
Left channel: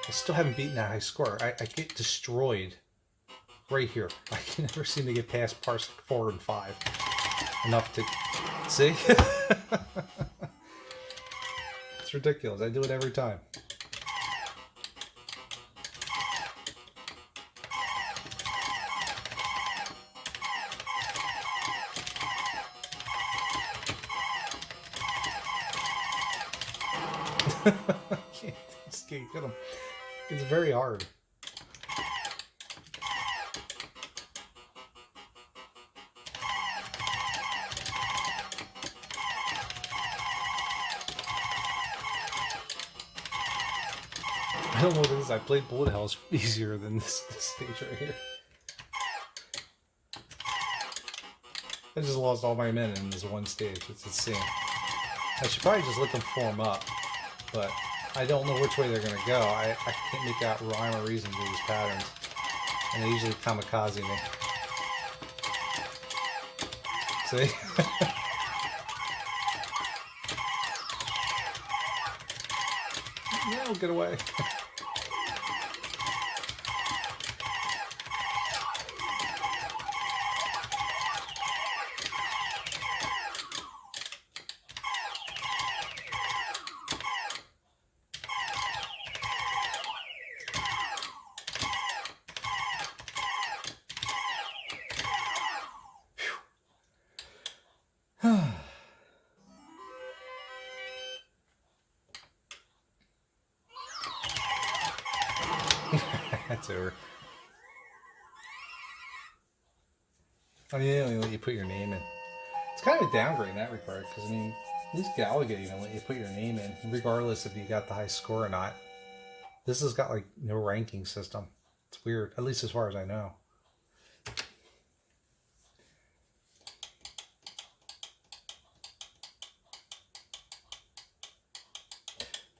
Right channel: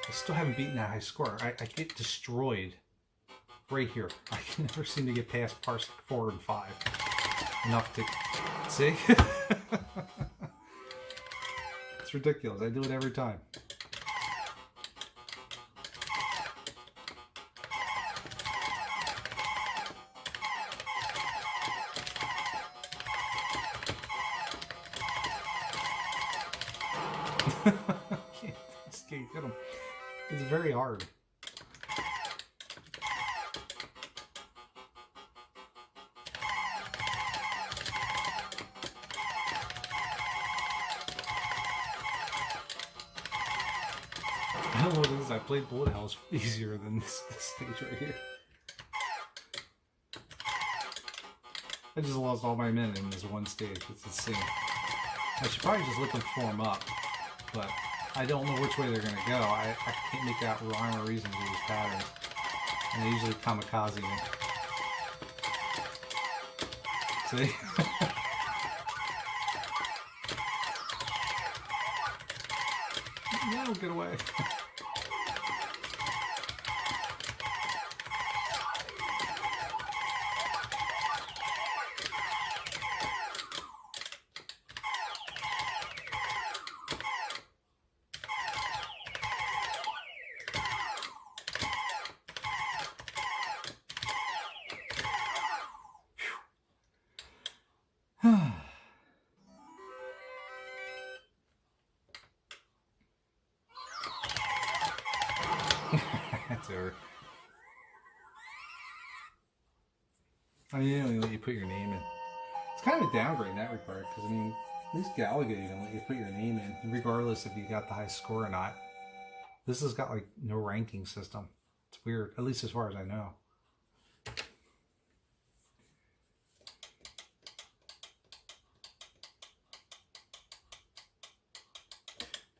I still haven't beaten that high score. I get destroyed right here. I can never seem to get past parts 4 and 5. Enough to see. It's ridiculous. I do it every time. Can't escape him. It's very hard. I don't know what it is. I played bullet hells easier than this stage right here. I just lost all my men in this one stage. It's insane. I should probably just let them form up, but I don't know which way they're going to go. I can't make out rhyme or reason to these patterns, and they usually kamikaze me. See? No, get away. That's over. I mean, they don't even let you put your name in. It's kind of a downgrade in that regard, because I mean, at least Galaga even let you put your name in, regardless if you got the high score or not. This has got like no ranking system. It's weird, at least as far as I know.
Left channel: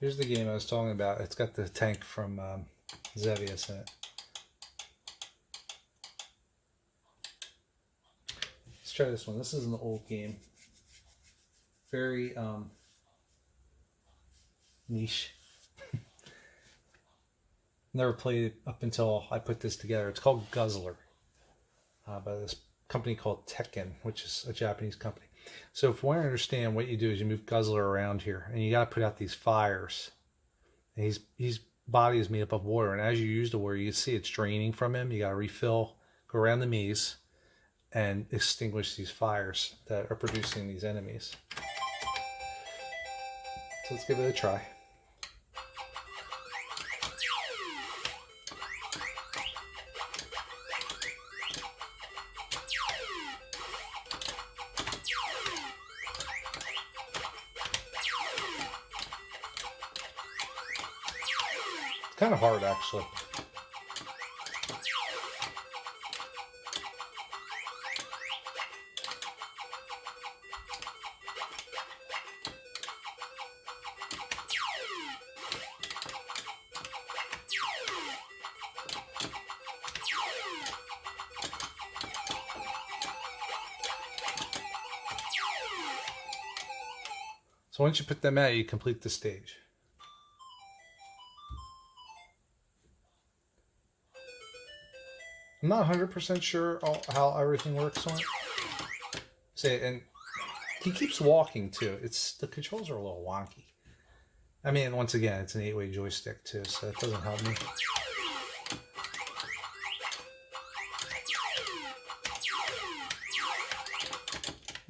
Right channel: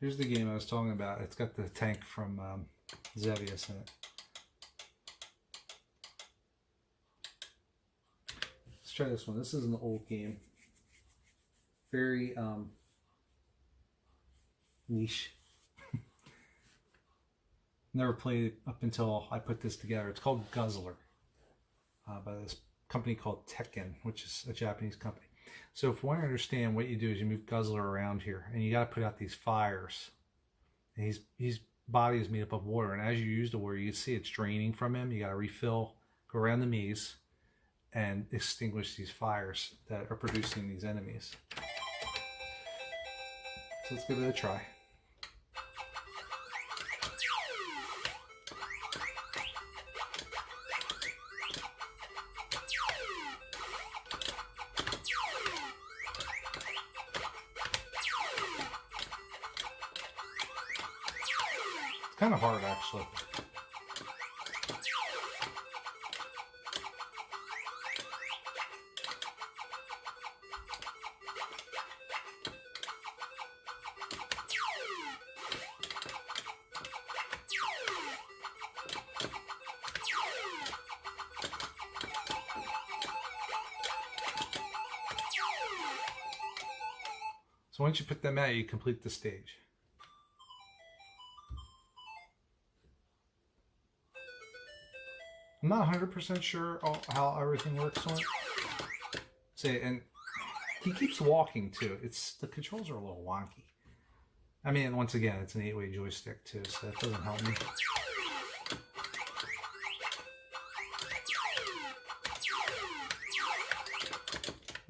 Here's the game I was talking about. It's got the tank from Xevious in it. Let's try this one. This is an old game. Very niche. Never played it up until I put this together. It's called Guzzler by this company called Tekken, which is a Japanese company. So if you want to understand, what you do is you move Guzzler around here, and you got to put out these fires. And his body is made up of water, and as you use the water, you can see it's draining from him. You got to refill, go around the maze, and extinguish these fires that are producing these enemies. So let's give it a try. Kind of hard, actually. So once you put them out, you complete the stage. I'm not 100% sure how everything works on it. Say, and he keeps walking too. The controls are a little wonky. I mean, once again, it's an 8-way joystick too, so it doesn't help me.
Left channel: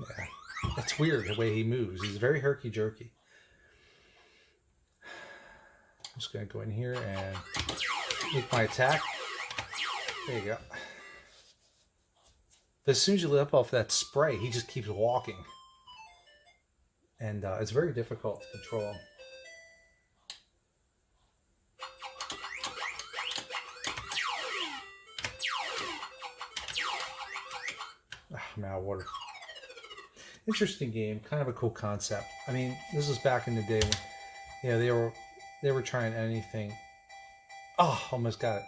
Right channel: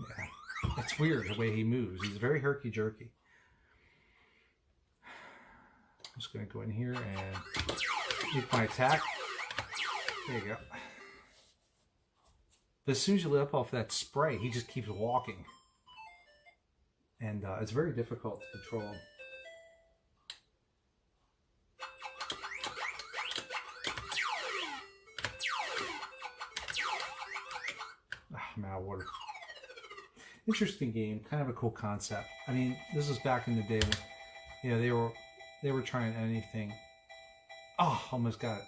Yeah, it's weird the way he moves. He's very herky-jerky. I'm just going to go in here and make my attack. There you go. But as soon as you let off that spray, he just keeps walking. And it's very difficult to control him. I'm out of water. Interesting game, kind of a cool concept. I mean, this was back in the day when, you know, they were trying anything. Oh, almost got it.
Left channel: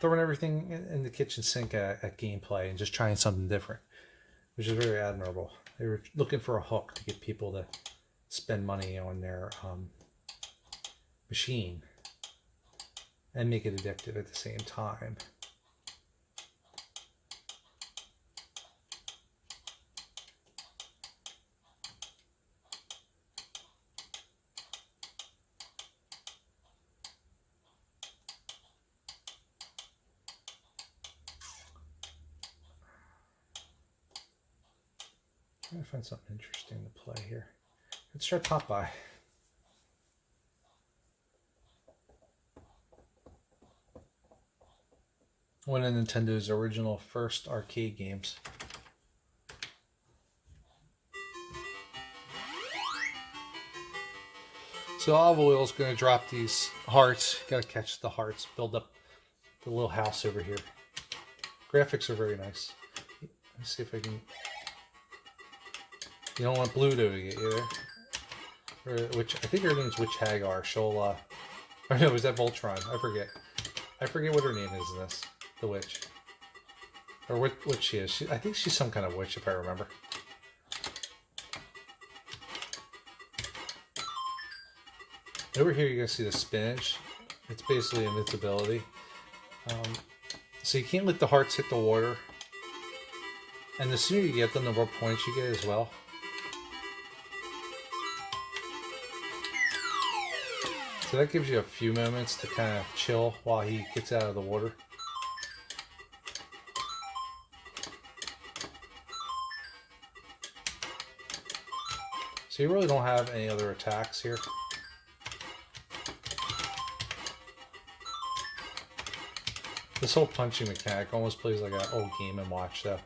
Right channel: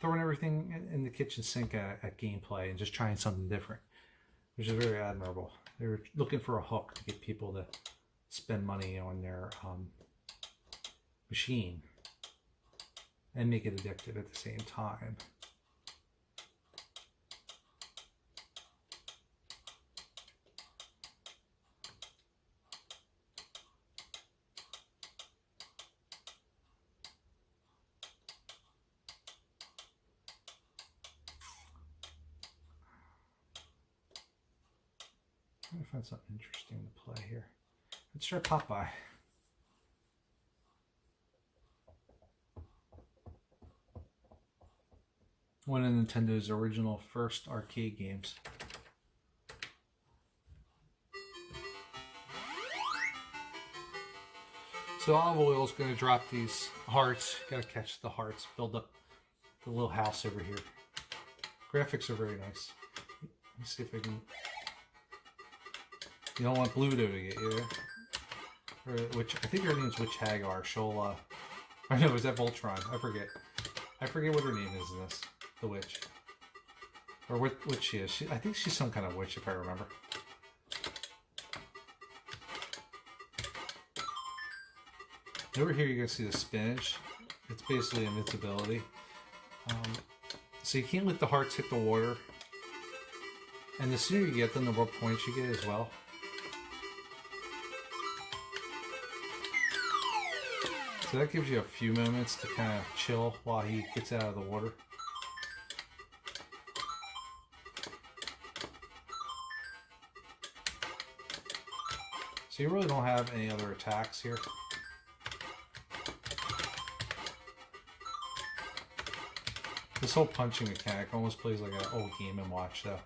Throwing everything in the kitchen sink at gameplay and just trying something different, which is very admirable. They were looking for a hook to get people to spend money on their machine and make it addictive at the same time. Trying to find something interesting to play here. Let's try Popeye. One of Nintendo's original first arcade games. So Olive Oil is going to drop these hearts. Got to catch the hearts, build up the little house over here. Graphics are very nice. Let's see if I can... You don't want Bluto to get you there. Which I think her name's Witch Hagar. She'll or no, is that Voltron? I forget. I forget what her name is in this. The witch. Or what she is. I think she's some kind of witch if I remember. Over here you can see the spinach. It's basically invincibility. So you can't let the hearts hit the water. And the sooner you get them, the more points you get as well. So that gives you a few moments to kind of chill while he gets out of the water. So you really don't have any other attacks here. This whole punching mechanic almost plays like an old Game & Watch though.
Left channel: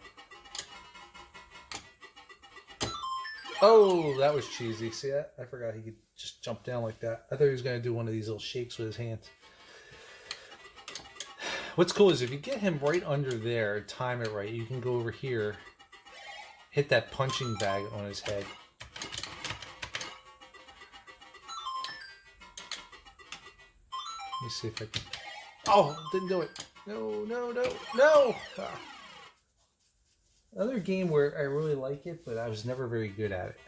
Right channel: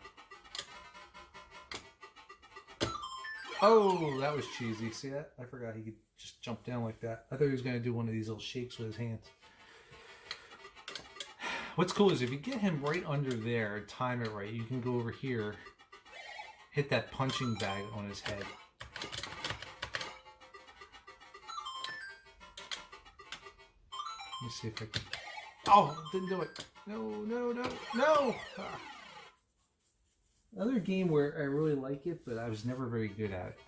Oh, that was cheesy. See that? I forgot he could just jump down like that. I thought he was going to do one of these little shakes with his hands. What's cool is if you get him right under there and time it right, you can go over here, hit that punching bag on his head. Let me see if I can... Oh, didn't do it. No, no, no, no! Ah. Another game where I really like it, but I was never very good at it.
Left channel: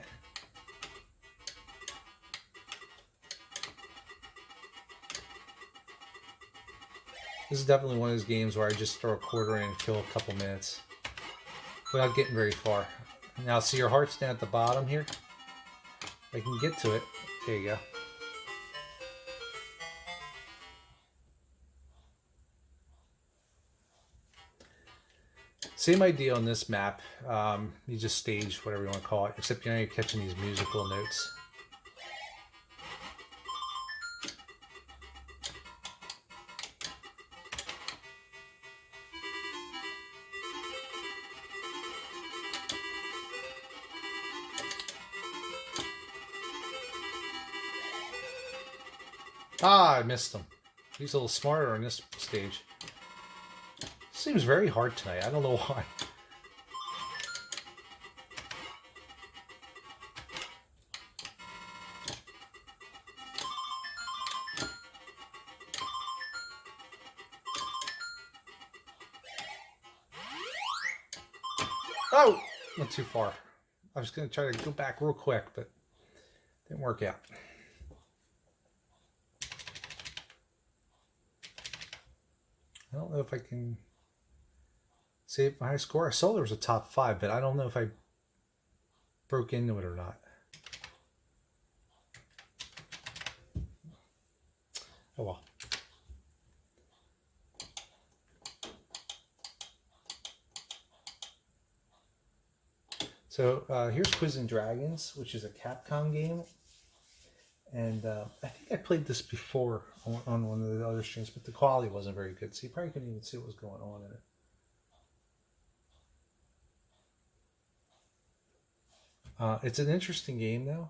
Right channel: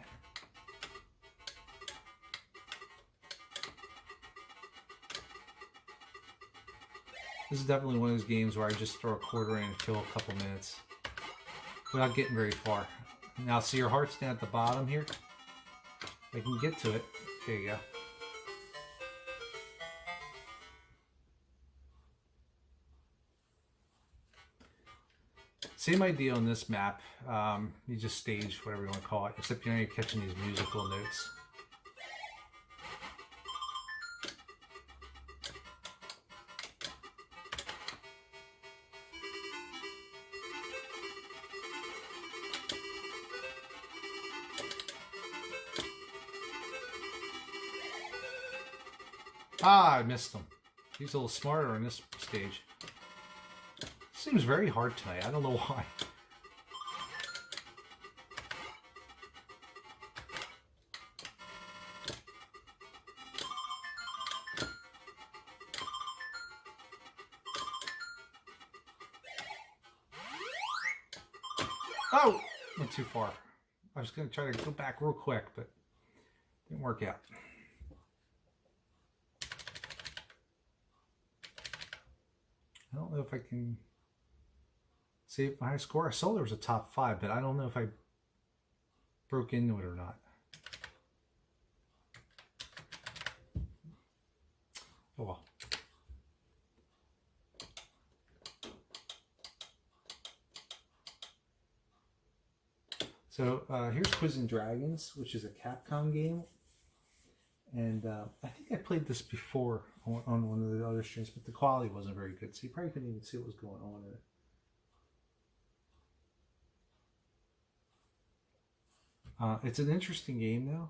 This is definitely one of those games where I just throw a quarter in and kill a couple minutes without getting very far. Now see your heart's down at the bottom here? I can get to it. There you go. Same idea on this map. You just stage, whatever you want to call it, except you're catching these musical notes. Ah, I missed him. He's a little smarter on this stage. Seems very hard tonight. I don't know why. Oh! Not too far. I was going to try to go back real quick, but didn't work out. I don't know if I can save my high score. I saw there was a top 5, but I don't know if I broke into it or not. Oh well. So here's Quizzing Dragons, which is a Capcom game. And I think I played this before on one of the other streams, but the quality wasn't very good, so you probably couldn't even see what was going on in it. It's an interesting game, though.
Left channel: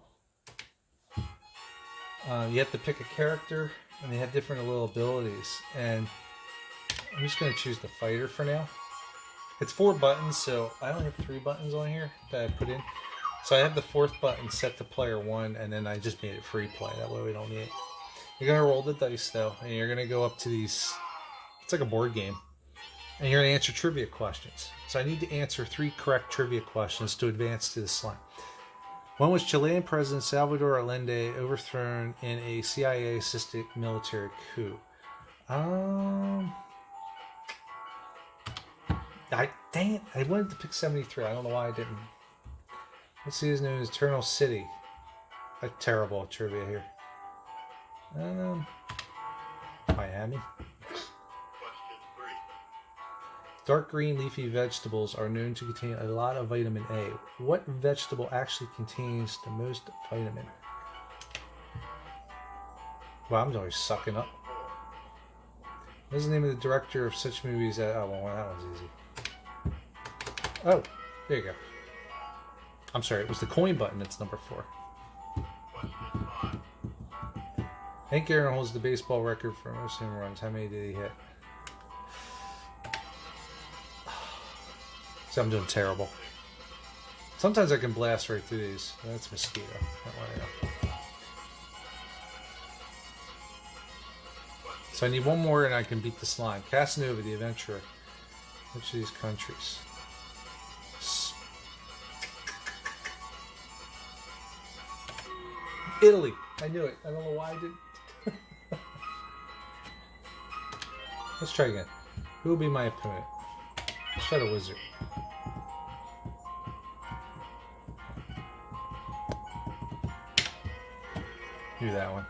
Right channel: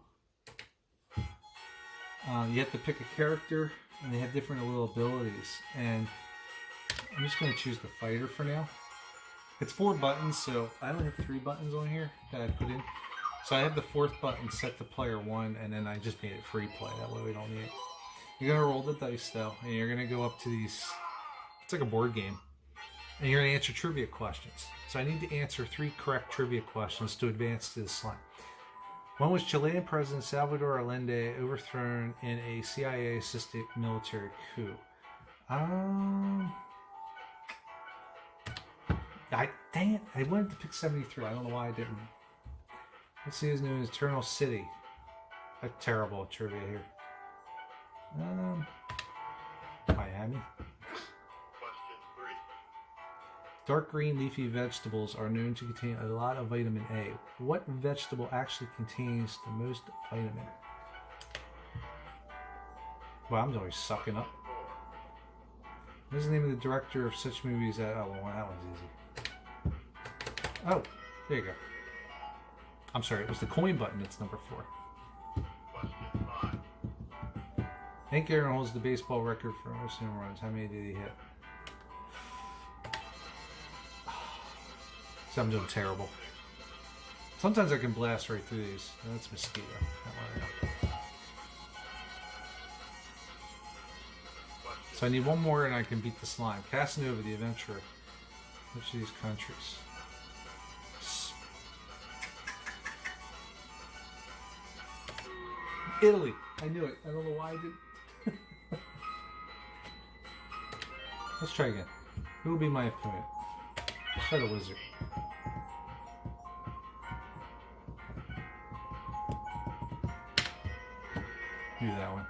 You have to pick a character, and they have different little abilities. And I'm just going to choose the fighter for now. It's 4 buttons, so I only have 3 buttons on here that I put in. So I have the 4th button set to player 1, and then I just made it free play. That way we don't need it. You're going to roll the dice, though, and you're going to go up to these... It's like a board game. And you're going to answer trivia questions. So I need to answer 3 correct trivia questions to advance to the slime. When was Chilean President Salvador Allende overthrown in a CIA-assisted military coup? Dang it, I wanted to pick 73. I don't know why I didn't. Let's see, is known as Eternal City. That's terrible trivia here. Miami. Dark green leafy vegetables are known to contain a lot of vitamin A. What vegetable actually contains the most vitamin? Wow, I'm always sucking up. What is the name of the director of such movies as... Oh, well, that one's easy. Oh, there you go. I'm sorry, it was the coin button. It's number 4. Hank Aaron holds the baseball record for most home runs. How many did he hit? So I'm doing terrible. Sometimes I can blast right through these. Oh, that's mosquito. So I need one more and I can beat the slime. Casanova, the adventurer. Which of these countries? Italy. I knew it. I don't know why I did. Let's try again. Who will be my opponent? Let's try the wizard. Do that one.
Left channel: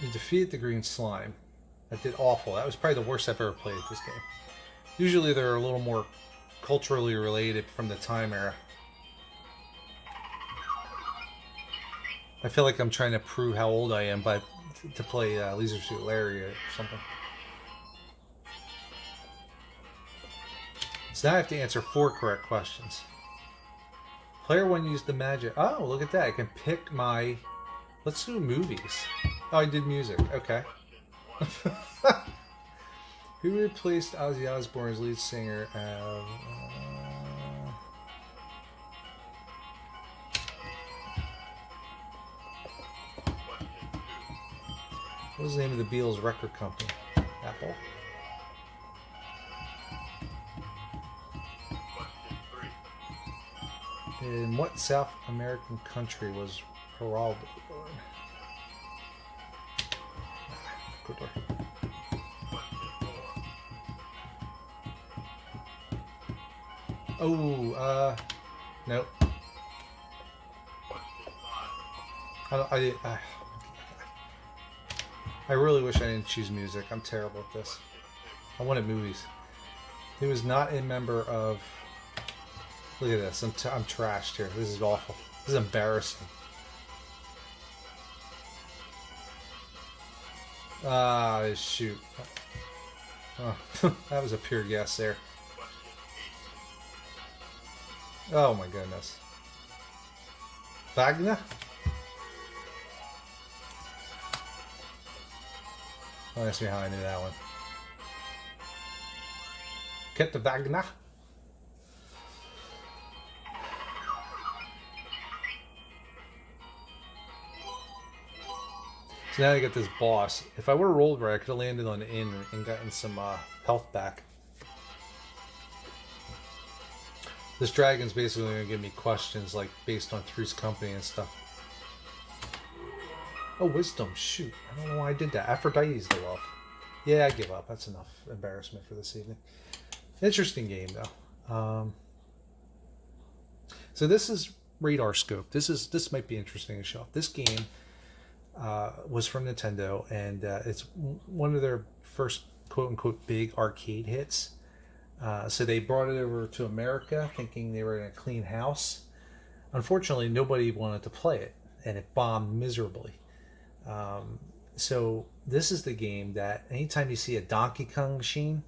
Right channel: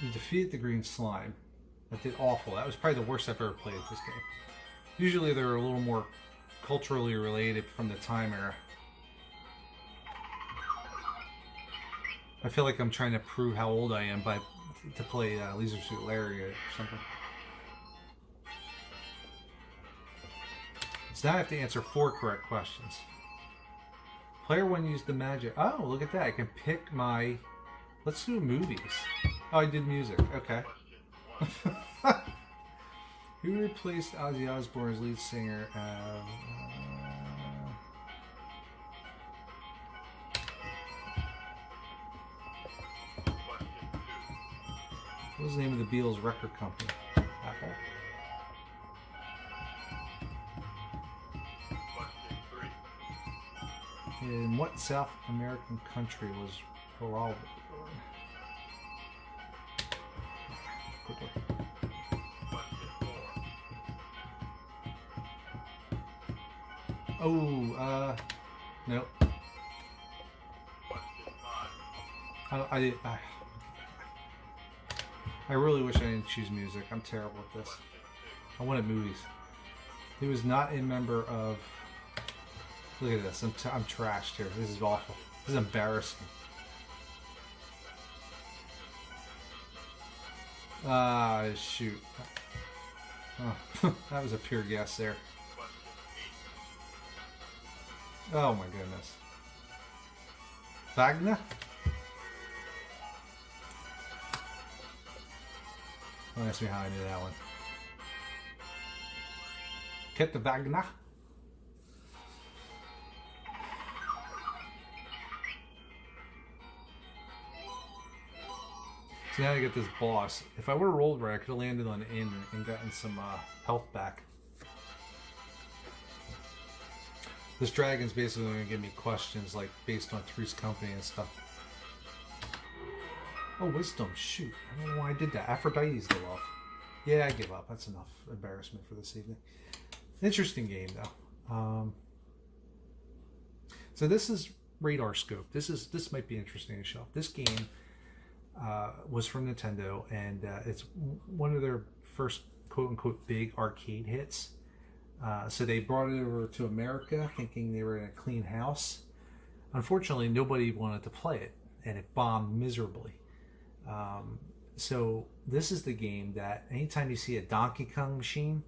You defeated the green slime. That did awful. That was probably the worst I've ever played this game. Usually they're a little more culturally related from the time era. I feel like I'm trying to prove how old I am to play Leisure Suit Larry or something. So now I have to answer 4 correct questions. Player 1 used the magic. Oh, look at that. I can pick my... Let's do movies. Oh, I did music. Okay. Who replaced Ozzy Osbourne as lead singer? What was the name of the Beatles record company? Apple. In what South American country was Geraldo born? Oh, nope. I really wish I didn't choose music. I'm terrible at this. I wanted movies. He was not a member of... Look at this. I'm trashed here. This is awful. This is embarrassing. Shoot. Oh, that was a pure guess there. Oh my goodness. Wagner? Don't ask me how I knew that one. Get the Wagner. So now I get this boss. If I would have rolled right, I could have landed on the inn and gotten some health back. This dragon's basically going to give me questions like based on Three's Company and stuff. Oh, wisdom. Shoot. I don't know why I did that. Aphrodite's the love. Yeah, I give up. That's enough embarrassment for this evening. Interesting game, though. So this is Radar Scope. This might be interesting to show off. This game was from Nintendo, and it's one of their first quote-unquote big arcade hits. So they brought it over to America thinking they were in a clean house. Unfortunately, nobody wanted to play it, and it bombed miserably. So this is the game that anytime you see a Donkey Kong machine,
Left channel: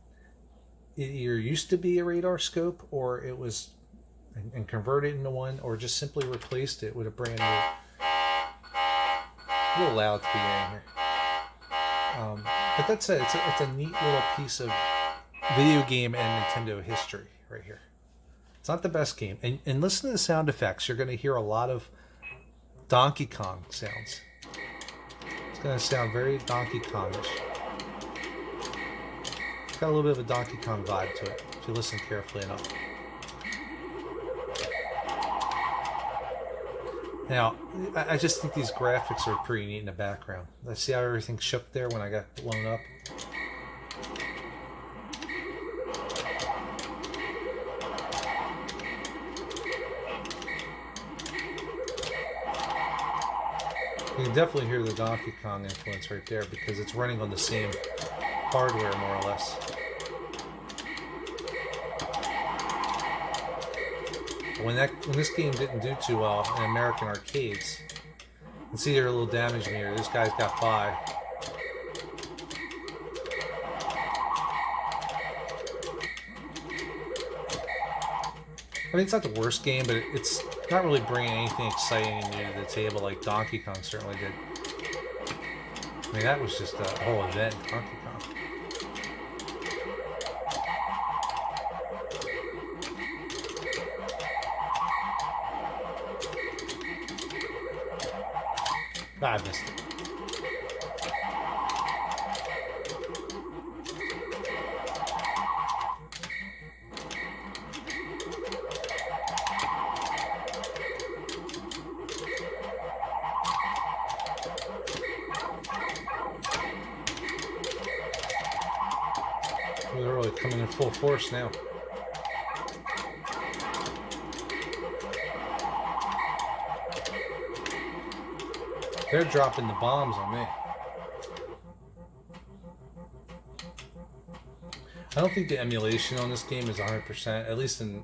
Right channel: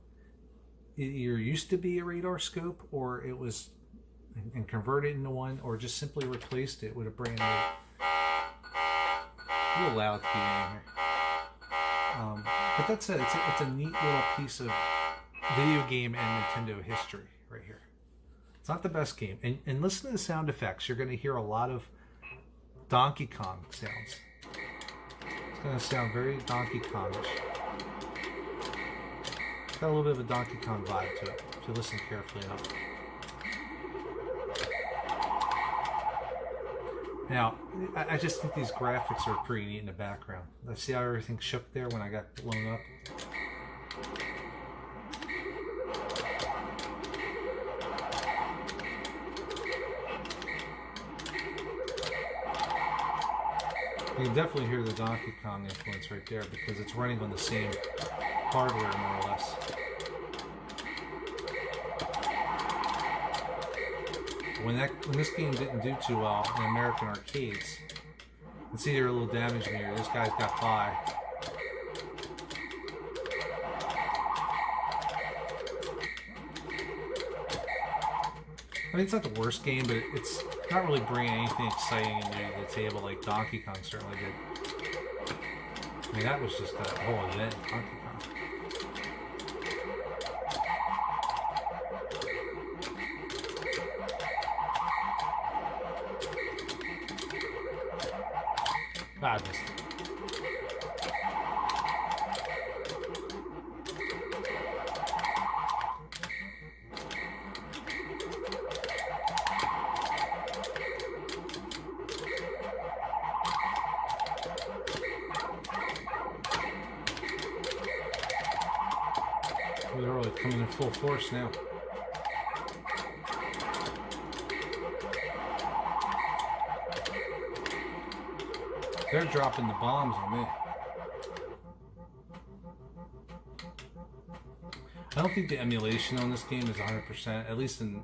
it either used to be a Radar Scope, or it was and converted into one, or just simply replaced it with a brand new. A little loud to be in here. But that's it. It's a neat little piece of video game and Nintendo history right here. It's not the best game. And listen to the sound effects. You're going to hear a lot of Donkey Kong sounds. It's going to sound very Donkey Kongish. It's got a little bit of a Donkey Kong vibe to it, if you listen carefully enough. Now, I just think these graphics are pretty neat in the background. Let's see how everything shook there when I got blown up. You can definitely hear the Donkey Kong influence right there because it's running on the same hardware, more or less. When this game didn't do too well in American arcades, you can see there a little damage here. This guy's got by. I mean, it's not the worst game, but it's not really bringing anything exciting new to the table like Donkey Kong certainly did. I mean, that was just a whole event, Donkey Kong. I missed it. They're really coming in full force now. They're dropping the bombs on me. I don't think the emulation on this game is 100%, at least in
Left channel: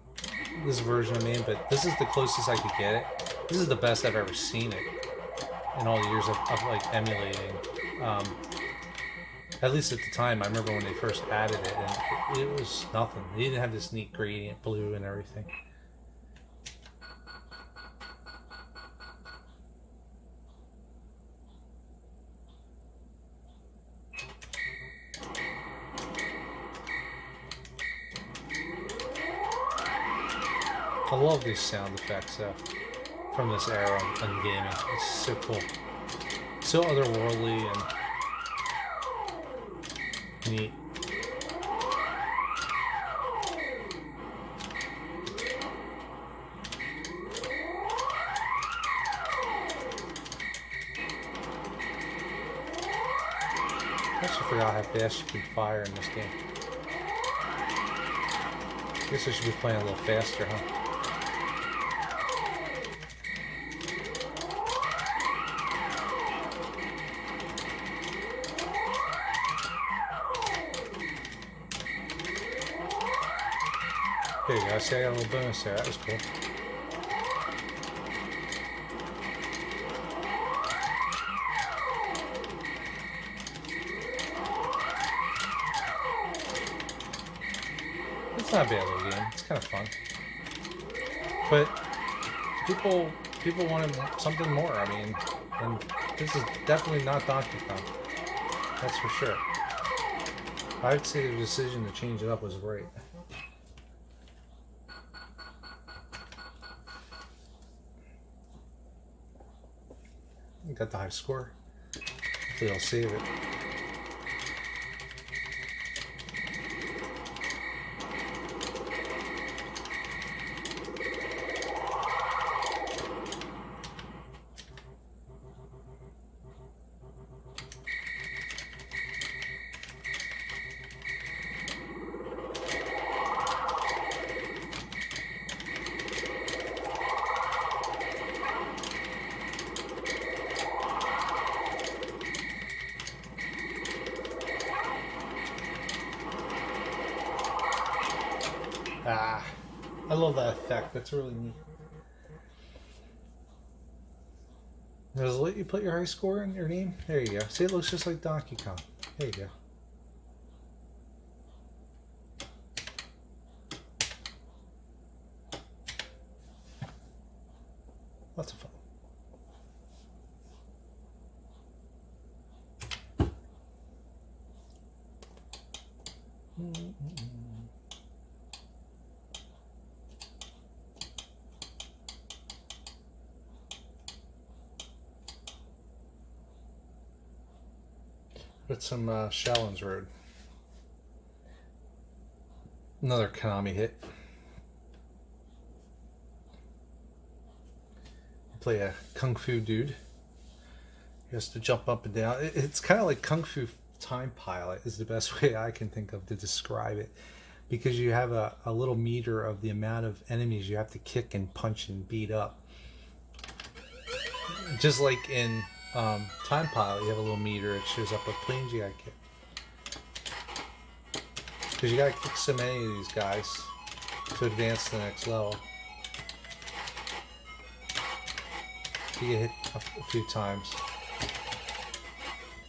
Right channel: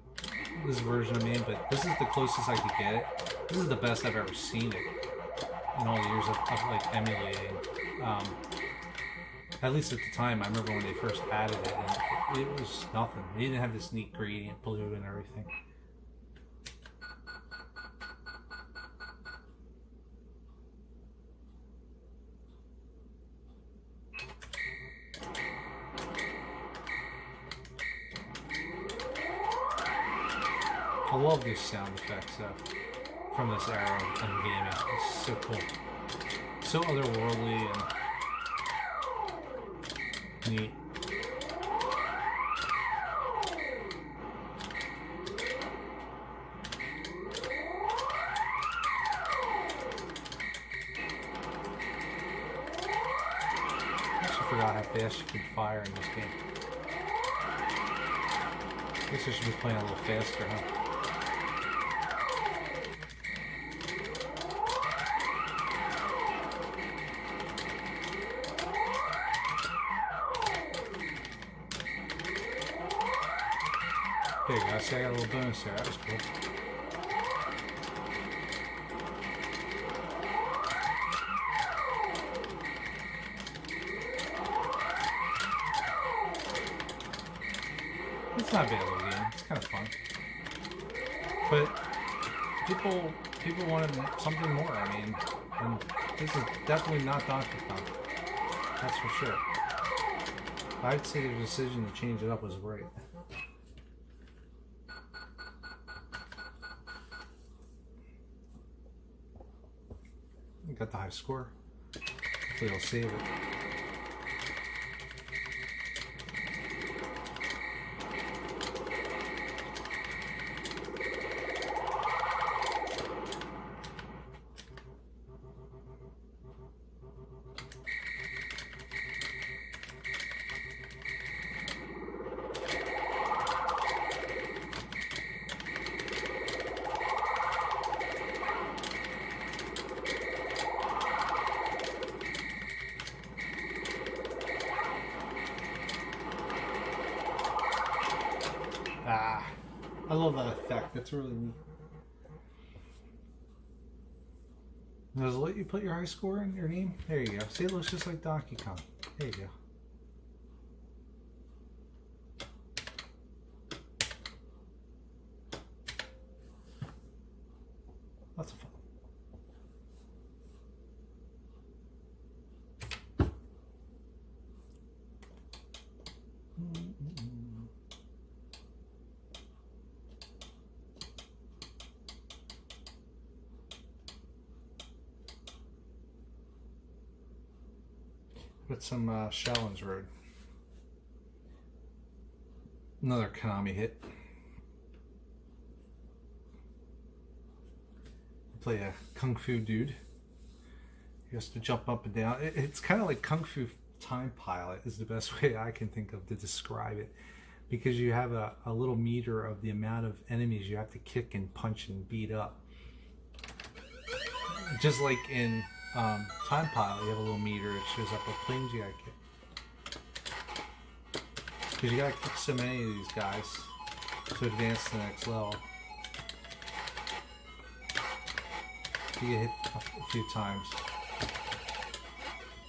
this version I mean, but this is the closest I could get it. This is the best I've ever seen it in all the years of like emulating. At least at the time, I remember when they first added it, and it was nothing. They didn't have this neat gradient blue and everything. I love these sound effects from this era in gaming. It's so cool. So otherworldly and neat. I also forgot how fast you can fire in this game. I guess I should be playing a little faster, huh? There you go, see I got a little bonus there, that was cool. It's not a bad little game, it's kind of fun. But people people wanted something more. I mean, and this is definitely not Donkey Kong. That's for sure. I'd say the decision to change it up was great. Got the high score. Hopefully I'll save it. Ah, I love that effect. That's really neat. Does it let you put your high score in your name? There you go. See, it looks just like Donkey Kong. There you go. Lots of fun. Put some Shallon's Road. Another Konami hit. Play a Kung Fu dude. He has to jump up and down. It's kind of like Kung Fu Time Pilot is the best way I can think of to describe it. Because you have a little meter of the amount of enemies you have to kick and punch and beat up. Just like in Time Pilot, you have a little meter. It shows up what planes you gotta kick. Because you gotta kick so many of these guys to advance to the next level. You get hit a few times.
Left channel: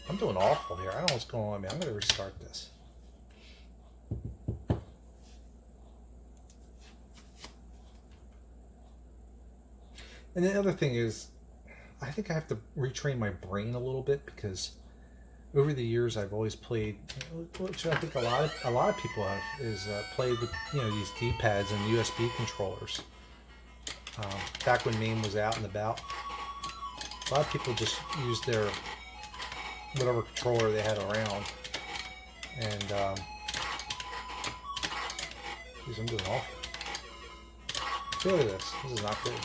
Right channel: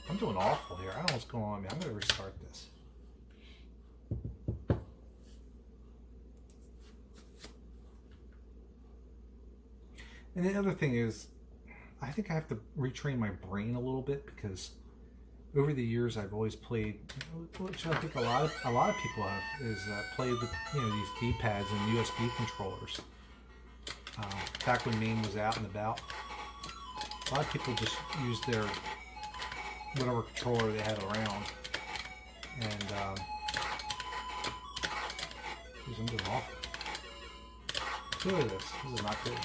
I'm doing awful here. I don't know what's going on with me. I'm gonna restart this. And the other thing is, I think I have to retrain my brain a little bit, because over the years I've always played, which I think a lot of people have, is played with these D-pads and USB controllers. Back when MAME was out and about, a lot of people just used their whatever controller they had around, and geez, I'm doing awful. Look at this. This is not good.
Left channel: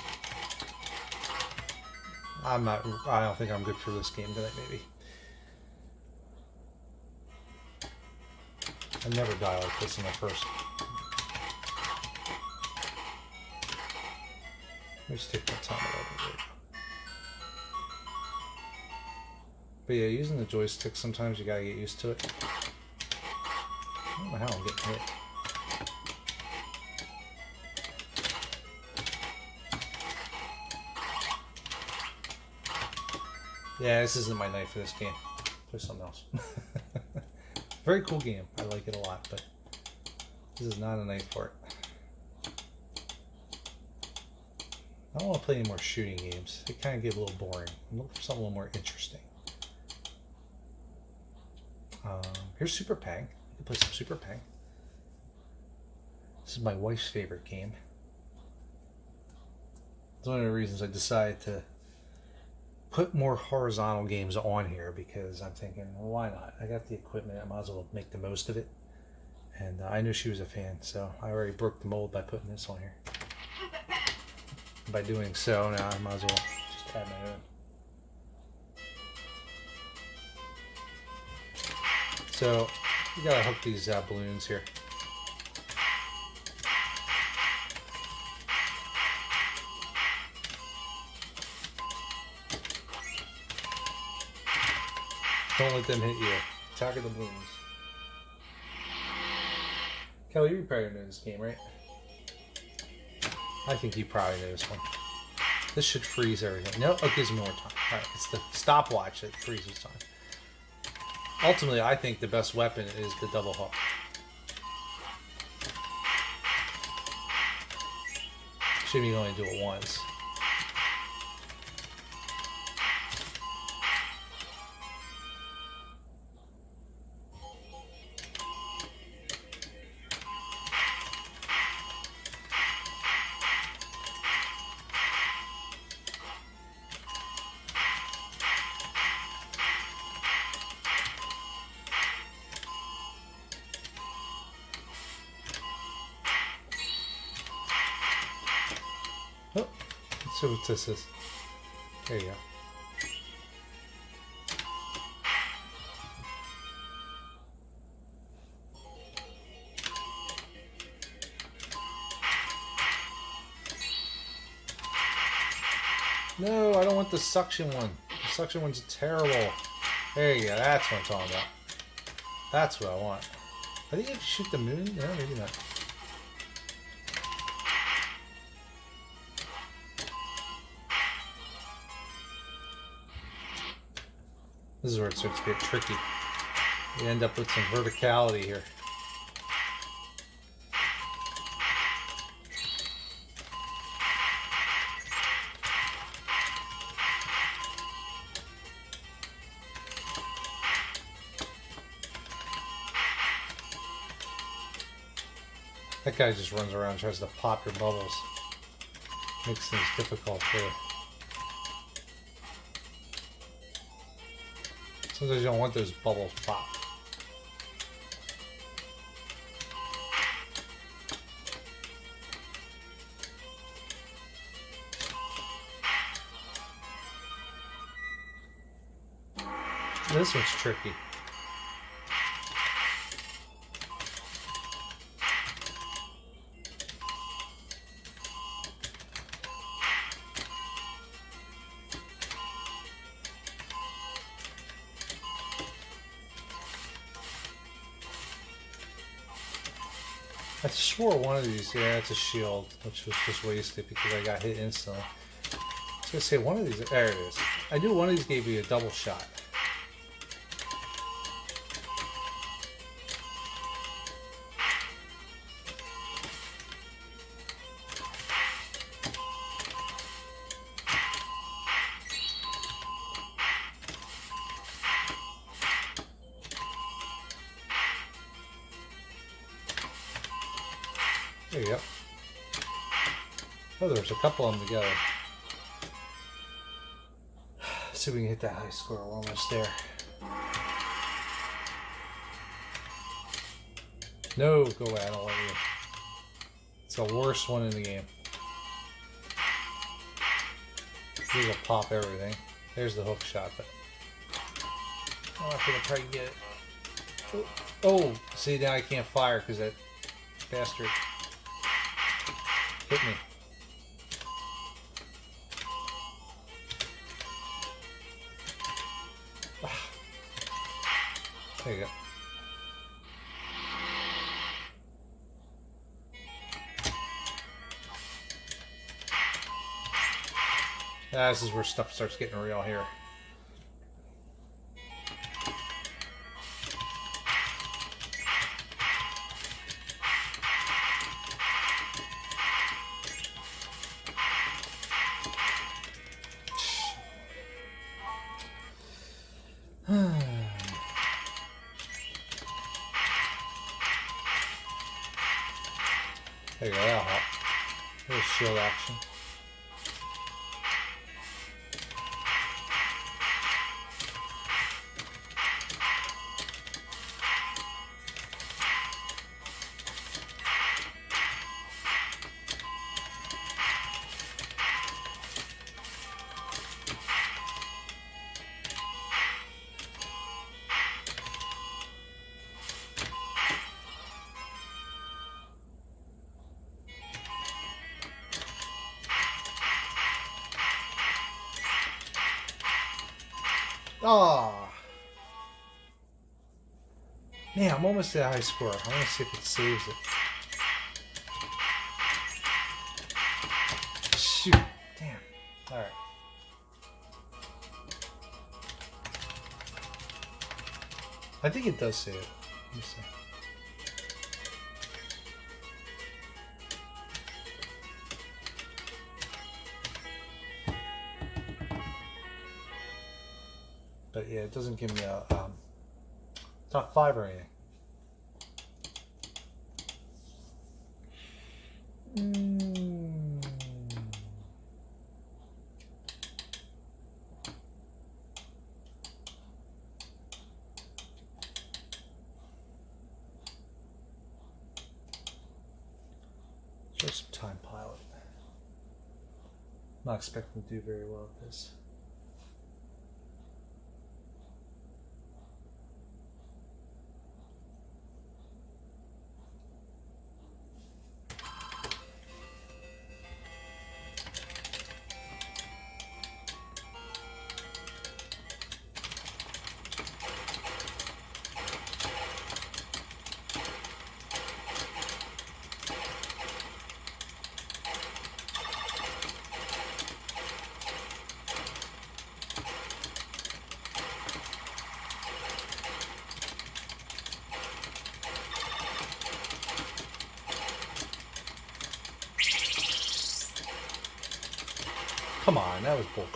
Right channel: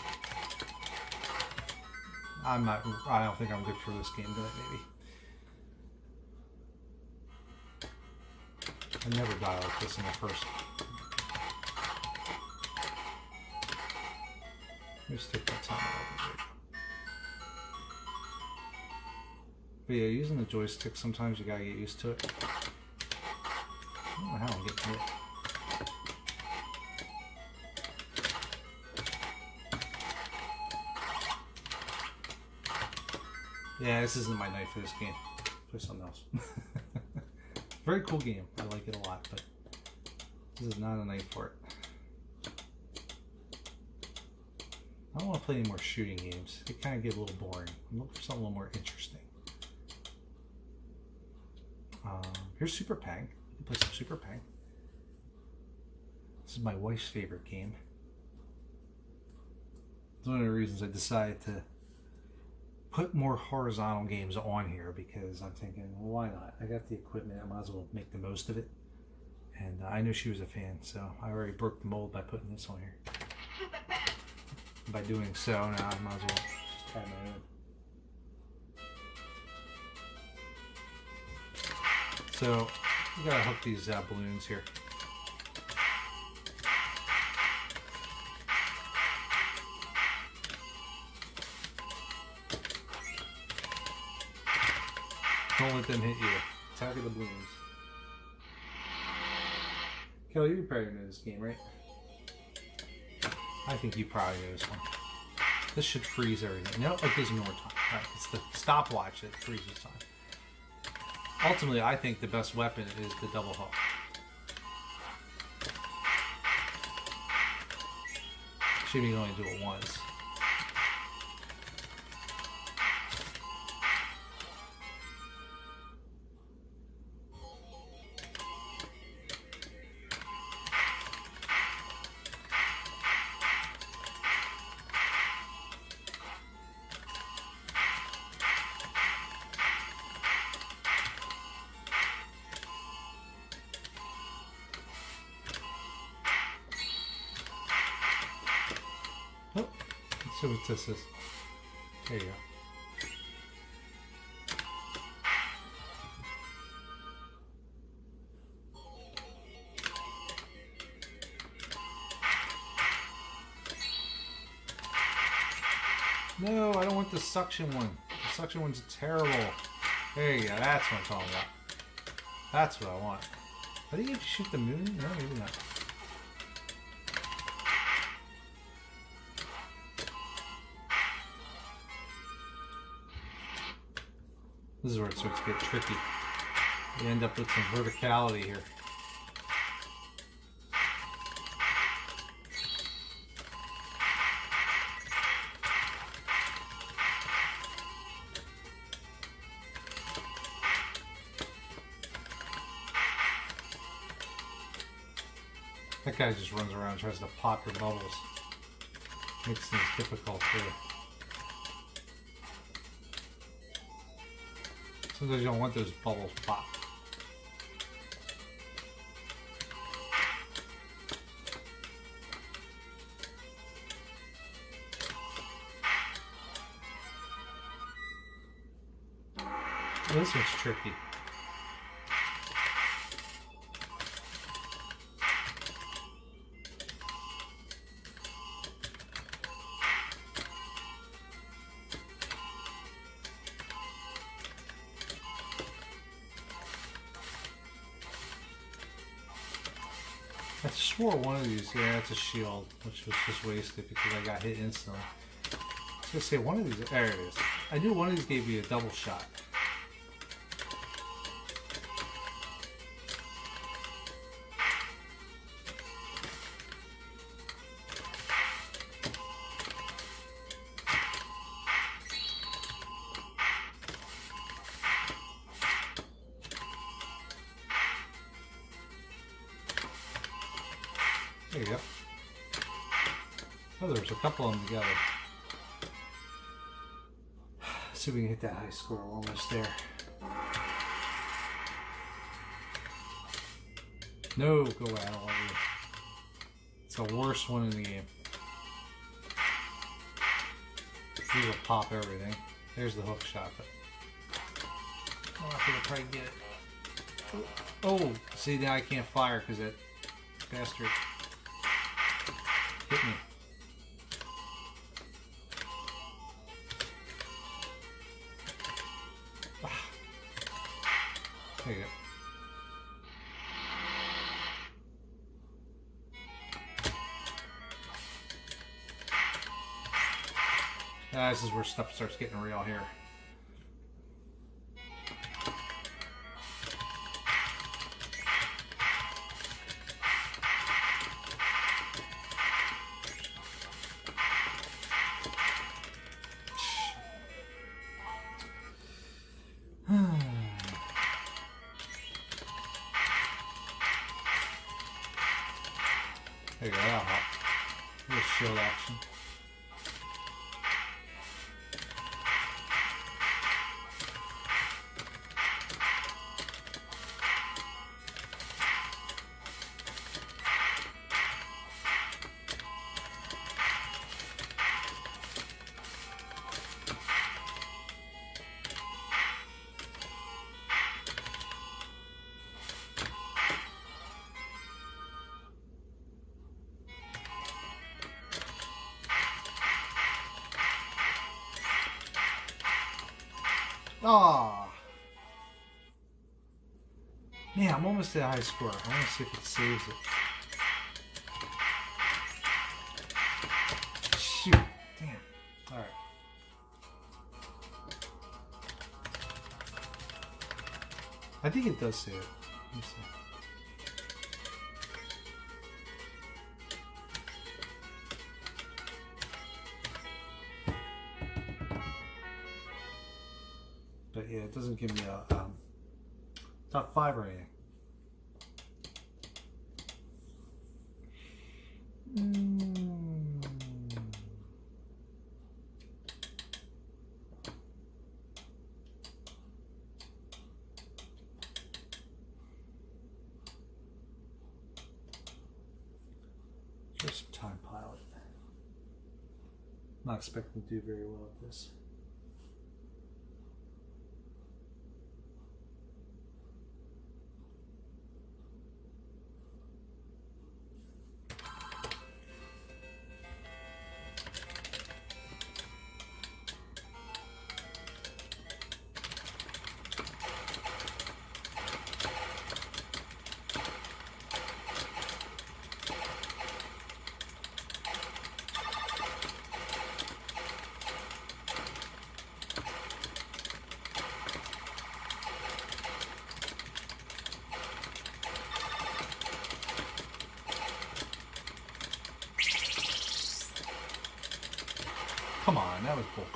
I don't think I'm good for this game tonight, maybe. I never die like this in my first. Let me just take my time out of it. But yeah, using the joystick, sometimes you gotta get used to it. I don't know how I'm getting hit. Yeah, this isn't my night for this game. Play something else. Very cool game. I like it a lot, but this is not a night for it. I don't want to play any more shooting games. They kind of get a little boring. I'm looking for something a little more interesting. Here's Super Pang. You can play some Super Pang. This is my wife's favorite game. It's one of the reasons I decided to put more horizontal games on here, because I'm thinking, well, why not? I got the equipment, I might as well make the most of it. And I knew she was a fan, so I already broke the mold by putting this on here. By doing so, now I might as well just add my own. So you gotta hook these balloons here. Don't let them hit you. Attack of the balloons. Kelly, you probably know this game, right? I think you probably know this one. This should freeze everything. No, it gives me more time. Alright, it's the stopwatch that freezes time. Ultimately, I think the best weapon is the double hook. Should be only do it once. Oh, let's see what this is. There you go. No, I don't want the suction one. The suction one's terrible. There you go. That's what I'm talking about. That's what I want. I think you have to shoot the moon. No, maybe not. This is where it starts to get tricky. You end up with some verticality here. That guy just runs around and tries to pop your bubbles. Makes things difficult for you. Sometimes you don't want those bubbles popped. This one's tricky. I swore one of these, yeah, it's a shield, which was just wasted because I got hit instantly. I was gonna say one of these, there it is. I knew one of these gave me a double shot. There you go. Oh, there's a couple of them together. Let's see if we can hit that high score. We're almost there. No, go away. I don't want you. It's the worst one in the game. These will pop everything. There's the hook shot, but I'm not gonna try to get it. Oh, see, now I can't fire because that bastard hit me. There you go. This is where stuff starts getting real here. There you go, that'll help. A little shield action. Oh man, I'm almost at a high score. I want to see if it saves it. Shoot, damn. All right. I think it does save it. Let me see. But yeah, it doesn't give me a top 5 or anything. Just time pilot. not expecting to do very well at this. Come on, that was bull.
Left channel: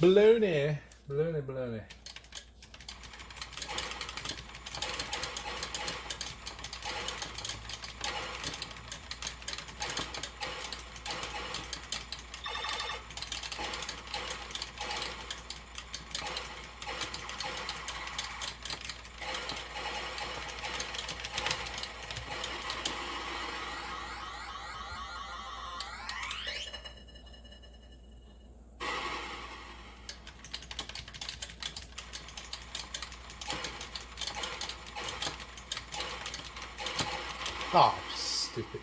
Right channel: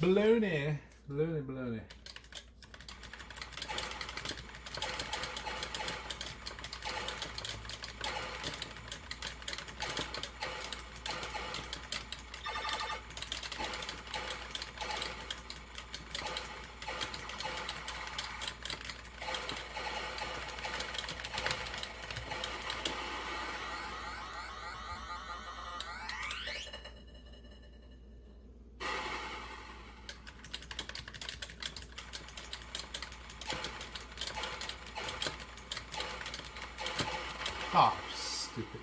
Baloney. Baloney, baloney. Oh, stupid.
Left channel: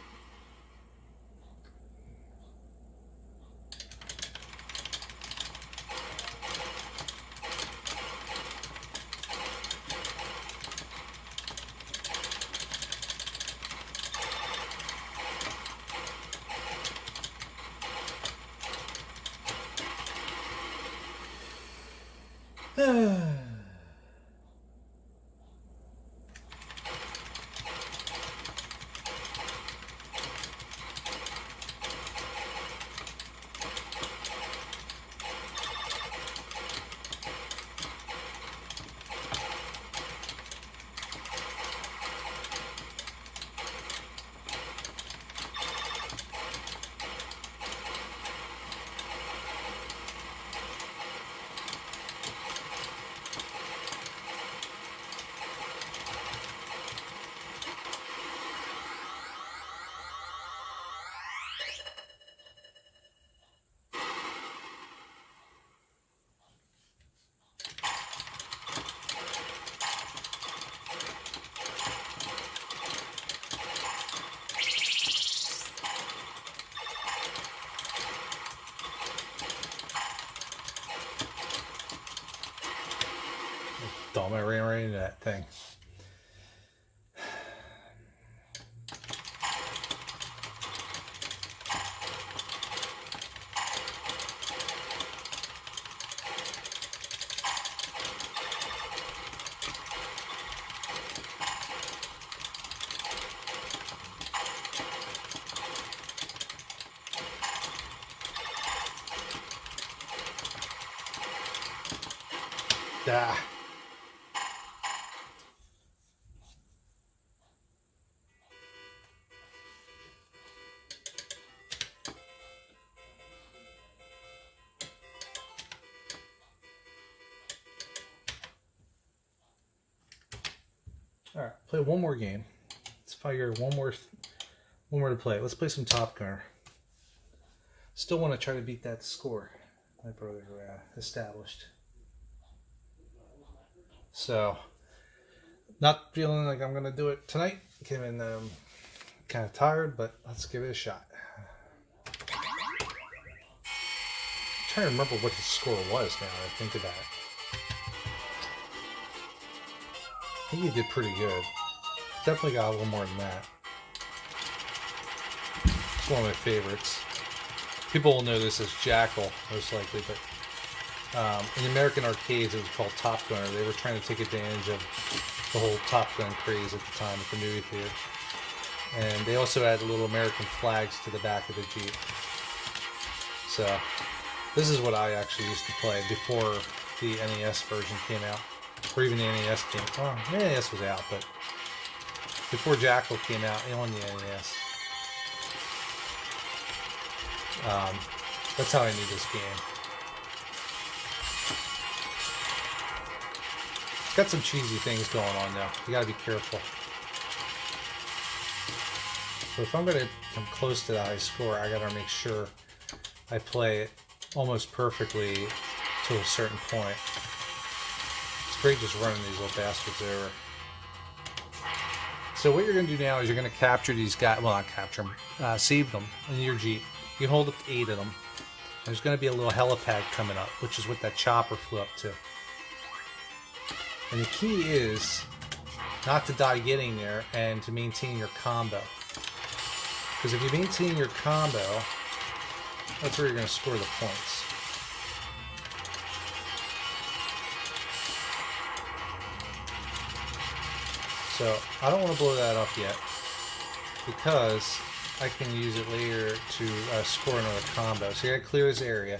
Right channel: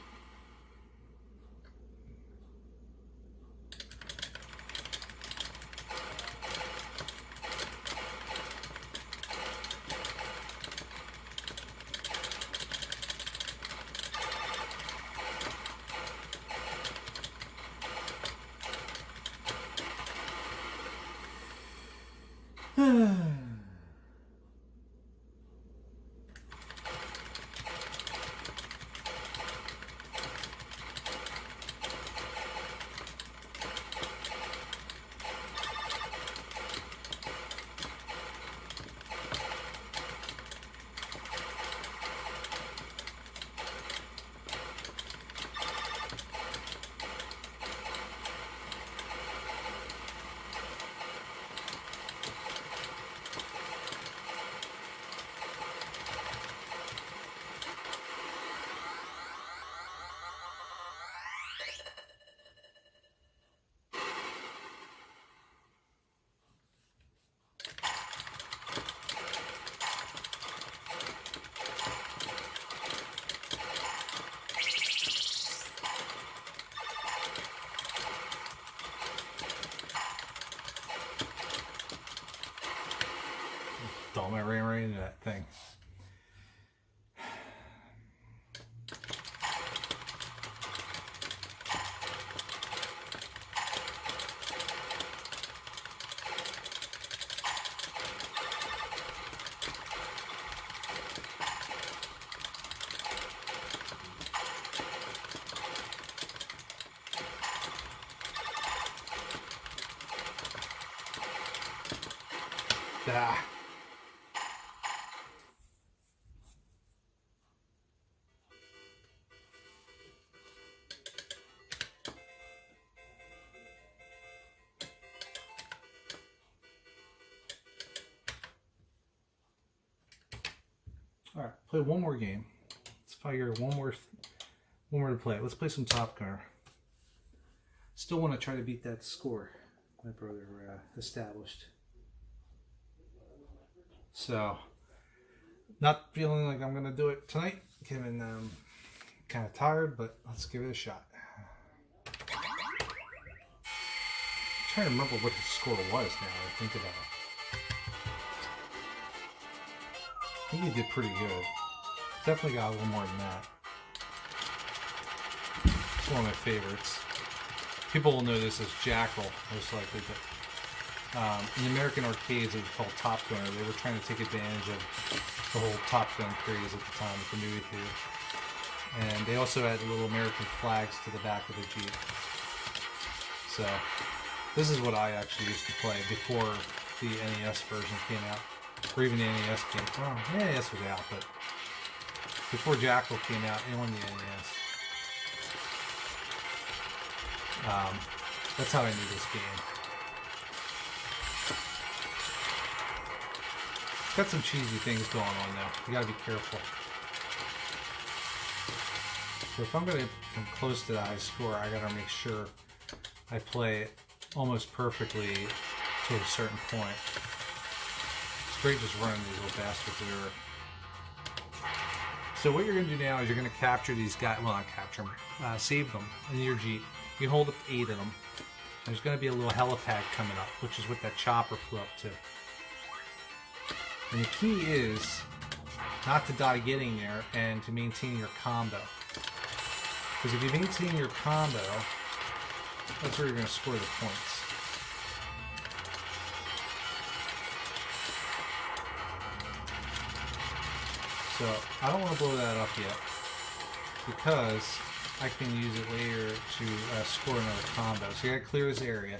Dumb, I ran right into that thing. Ah. All right, play one more game. Let's figure one more to play. Let's play some Top Gunner. Still want to try to beat that score my brother established. So, not feeling like I'm gonna do it tonight. Came in kind of tired, but let's give it a shot. I'm trying to remember what the score was now that I think about it. I think he did pretty good. Definitely got a little more than that. It's one of my favorites. People will know this as Jackal, most likely, but in American arcades it was called Top Gunner. They were trying to take advantage of the whole Top Gun craze at the time at the movie theater. And they also added little American flags to the back of the Jeep. So, this is what I actually used to play before the NES version came out. Or even the NES came out. Well, the NES was out, but before Jackal came out on the NES. That's how I knew this game. It's got some cheesy things going on now. You gotta be careful. So if I'm gonna come close to the high score, I gotta make sure I play it almost perfectly to a certain point. It's great just running these little bastards over. So what you're going to do now is you're going to capture these guys, well not capture them, save them in your Jeep. You can hold up to 8 of them. There's going to be a little helipad coming up, which is what that chopper flew up to. And the key is not to die getting there and to maintain your combo. Because if you maintain your combo, that's where you're going to score the points. So I don't want to blow that up yet because I can use it later to score another combo. So you're going to clear this area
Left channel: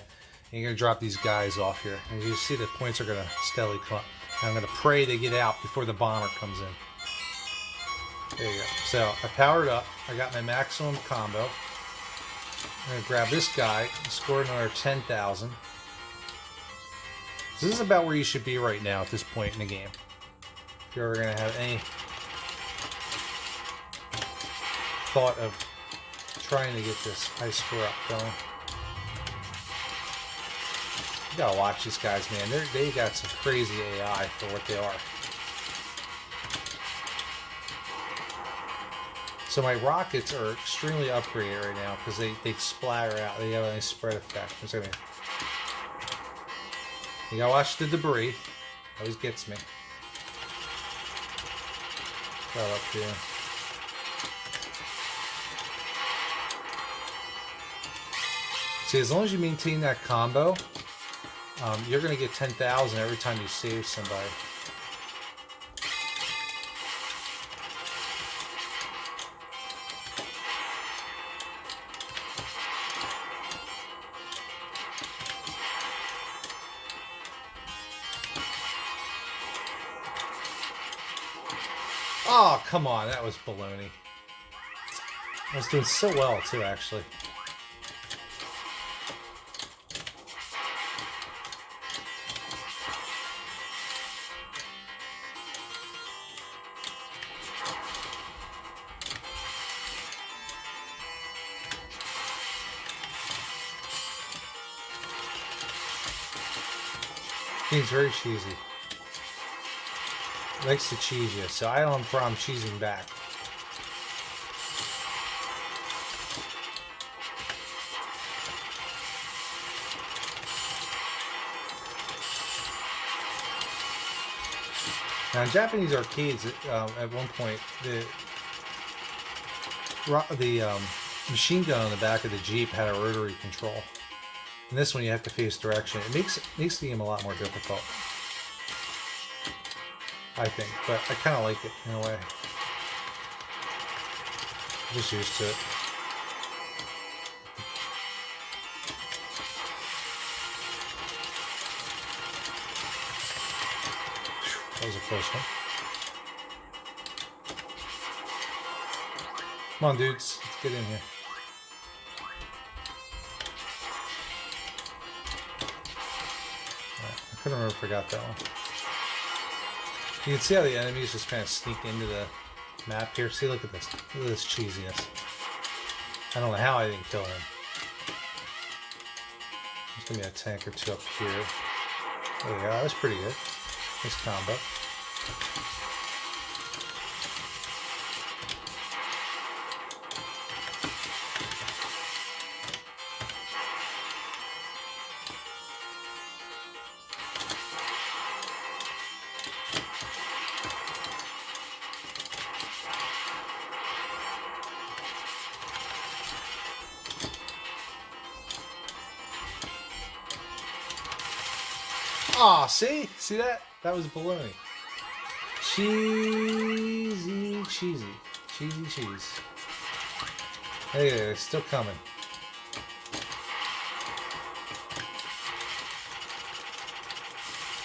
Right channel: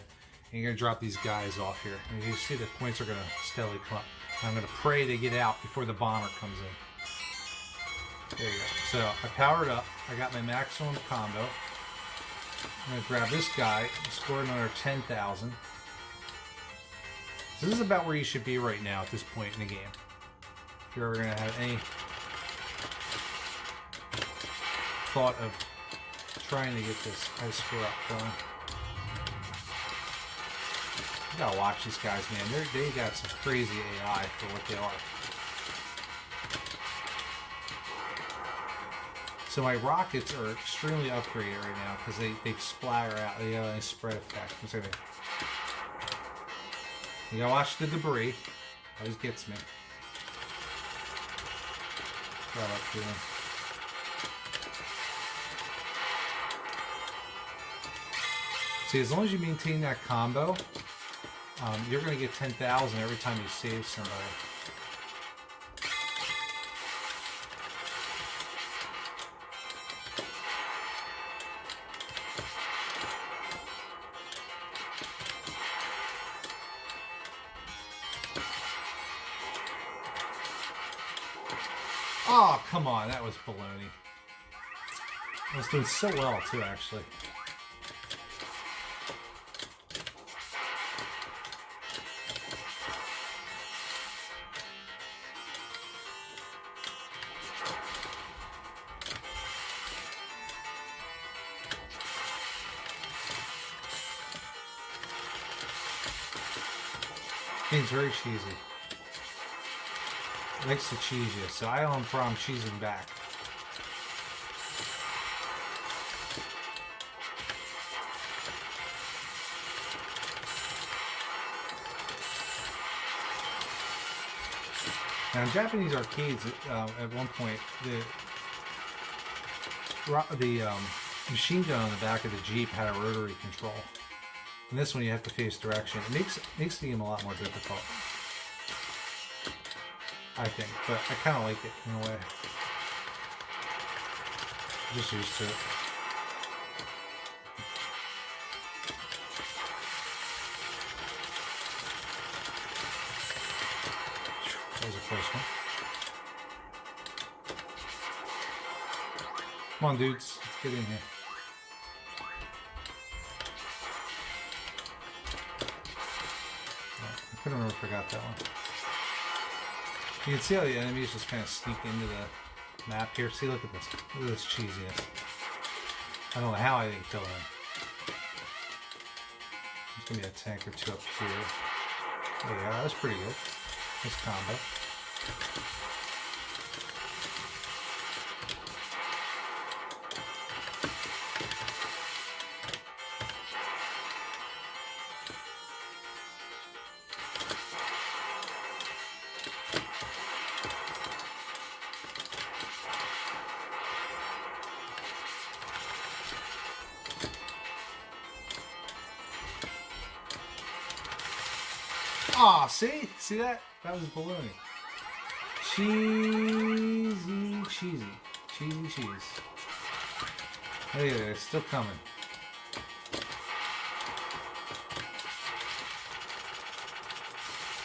and you're going to drop these guys off here. And you see the points are going to steadily come up. And I'm going to pray they get out before the bomber comes in. There you go. So I powered up. I got my maximum combo. I'm going to grab this guy and score another 10,000. This is about where you should be right now at this point in the game. If you're ever going to have any thought of trying to get this high score up going. You gotta watch these guys, man. They got some crazy AI for what they are. So my rockets are extremely upgraded right now because they splatter out. They have a nice spread effect. You gotta watch the debris. Always gets me. Right up here. See, as long as you maintain that combo, you're going to get 10,000 every time you save somebody. Oh, come on, that was baloney. I was doing so well, too, actually. Game's very cheesy. Likes to cheese you, so I don't have a problem cheesing back. Now in Japanese arcades, at one point, the machine gun on the back of the Jeep had a rotary control. And this one you have to face direction. It makes the game a lot more difficult, I think, but I kind of like it in a way. I'm just used to it. That was a close one. Come on, dudes, let's get in here. I couldn't remember if I got that one. You can see how the enemies just kind of sneak into the map here. See, look at this. Look at this cheesiness. I don't know how I didn't kill him. There's going to be a tank or two up here. There you go. That was pretty good. Nice combo. Aw, see? See that? That was baloney. Cheesy, cheesy. Cheesy cheese. Hey, it's still coming.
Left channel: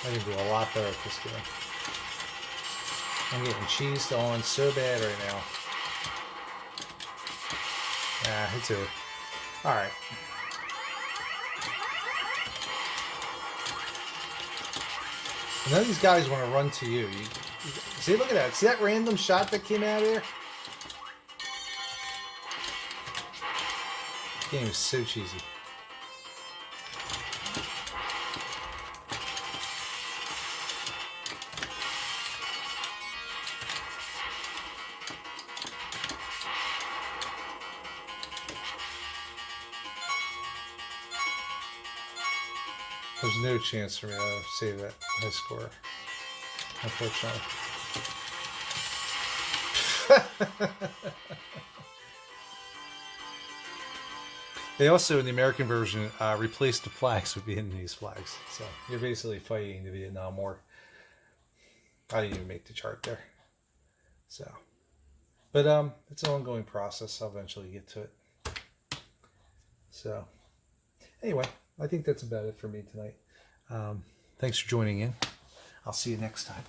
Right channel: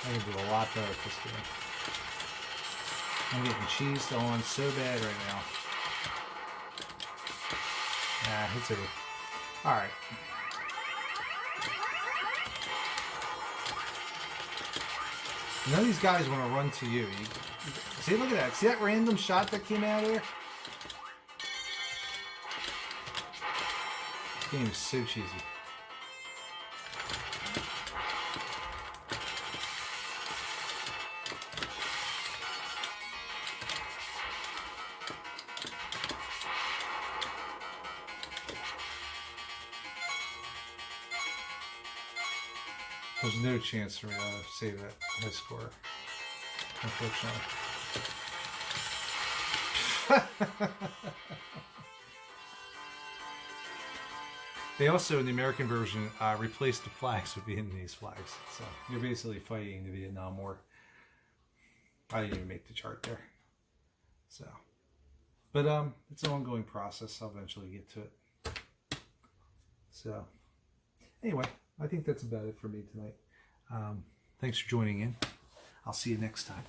I can do a lot better with this game. I'm getting cheesed on so bad right now. Ah, it's over. Alright. None of these guys want to run to you. See, look at that. See that random shot that came out of here? This game is so cheesy. There's no chance for me to save that high score, unfortunately. They also, in the American version, replaced the flags with Vietnamese flags. So you're basically fighting the Vietnam War. I didn't even make the chart there. So, but it's an ongoing process. I'll eventually get to it. So, anyway, I think that's about it for me tonight. Thanks for joining in. I'll see you next time.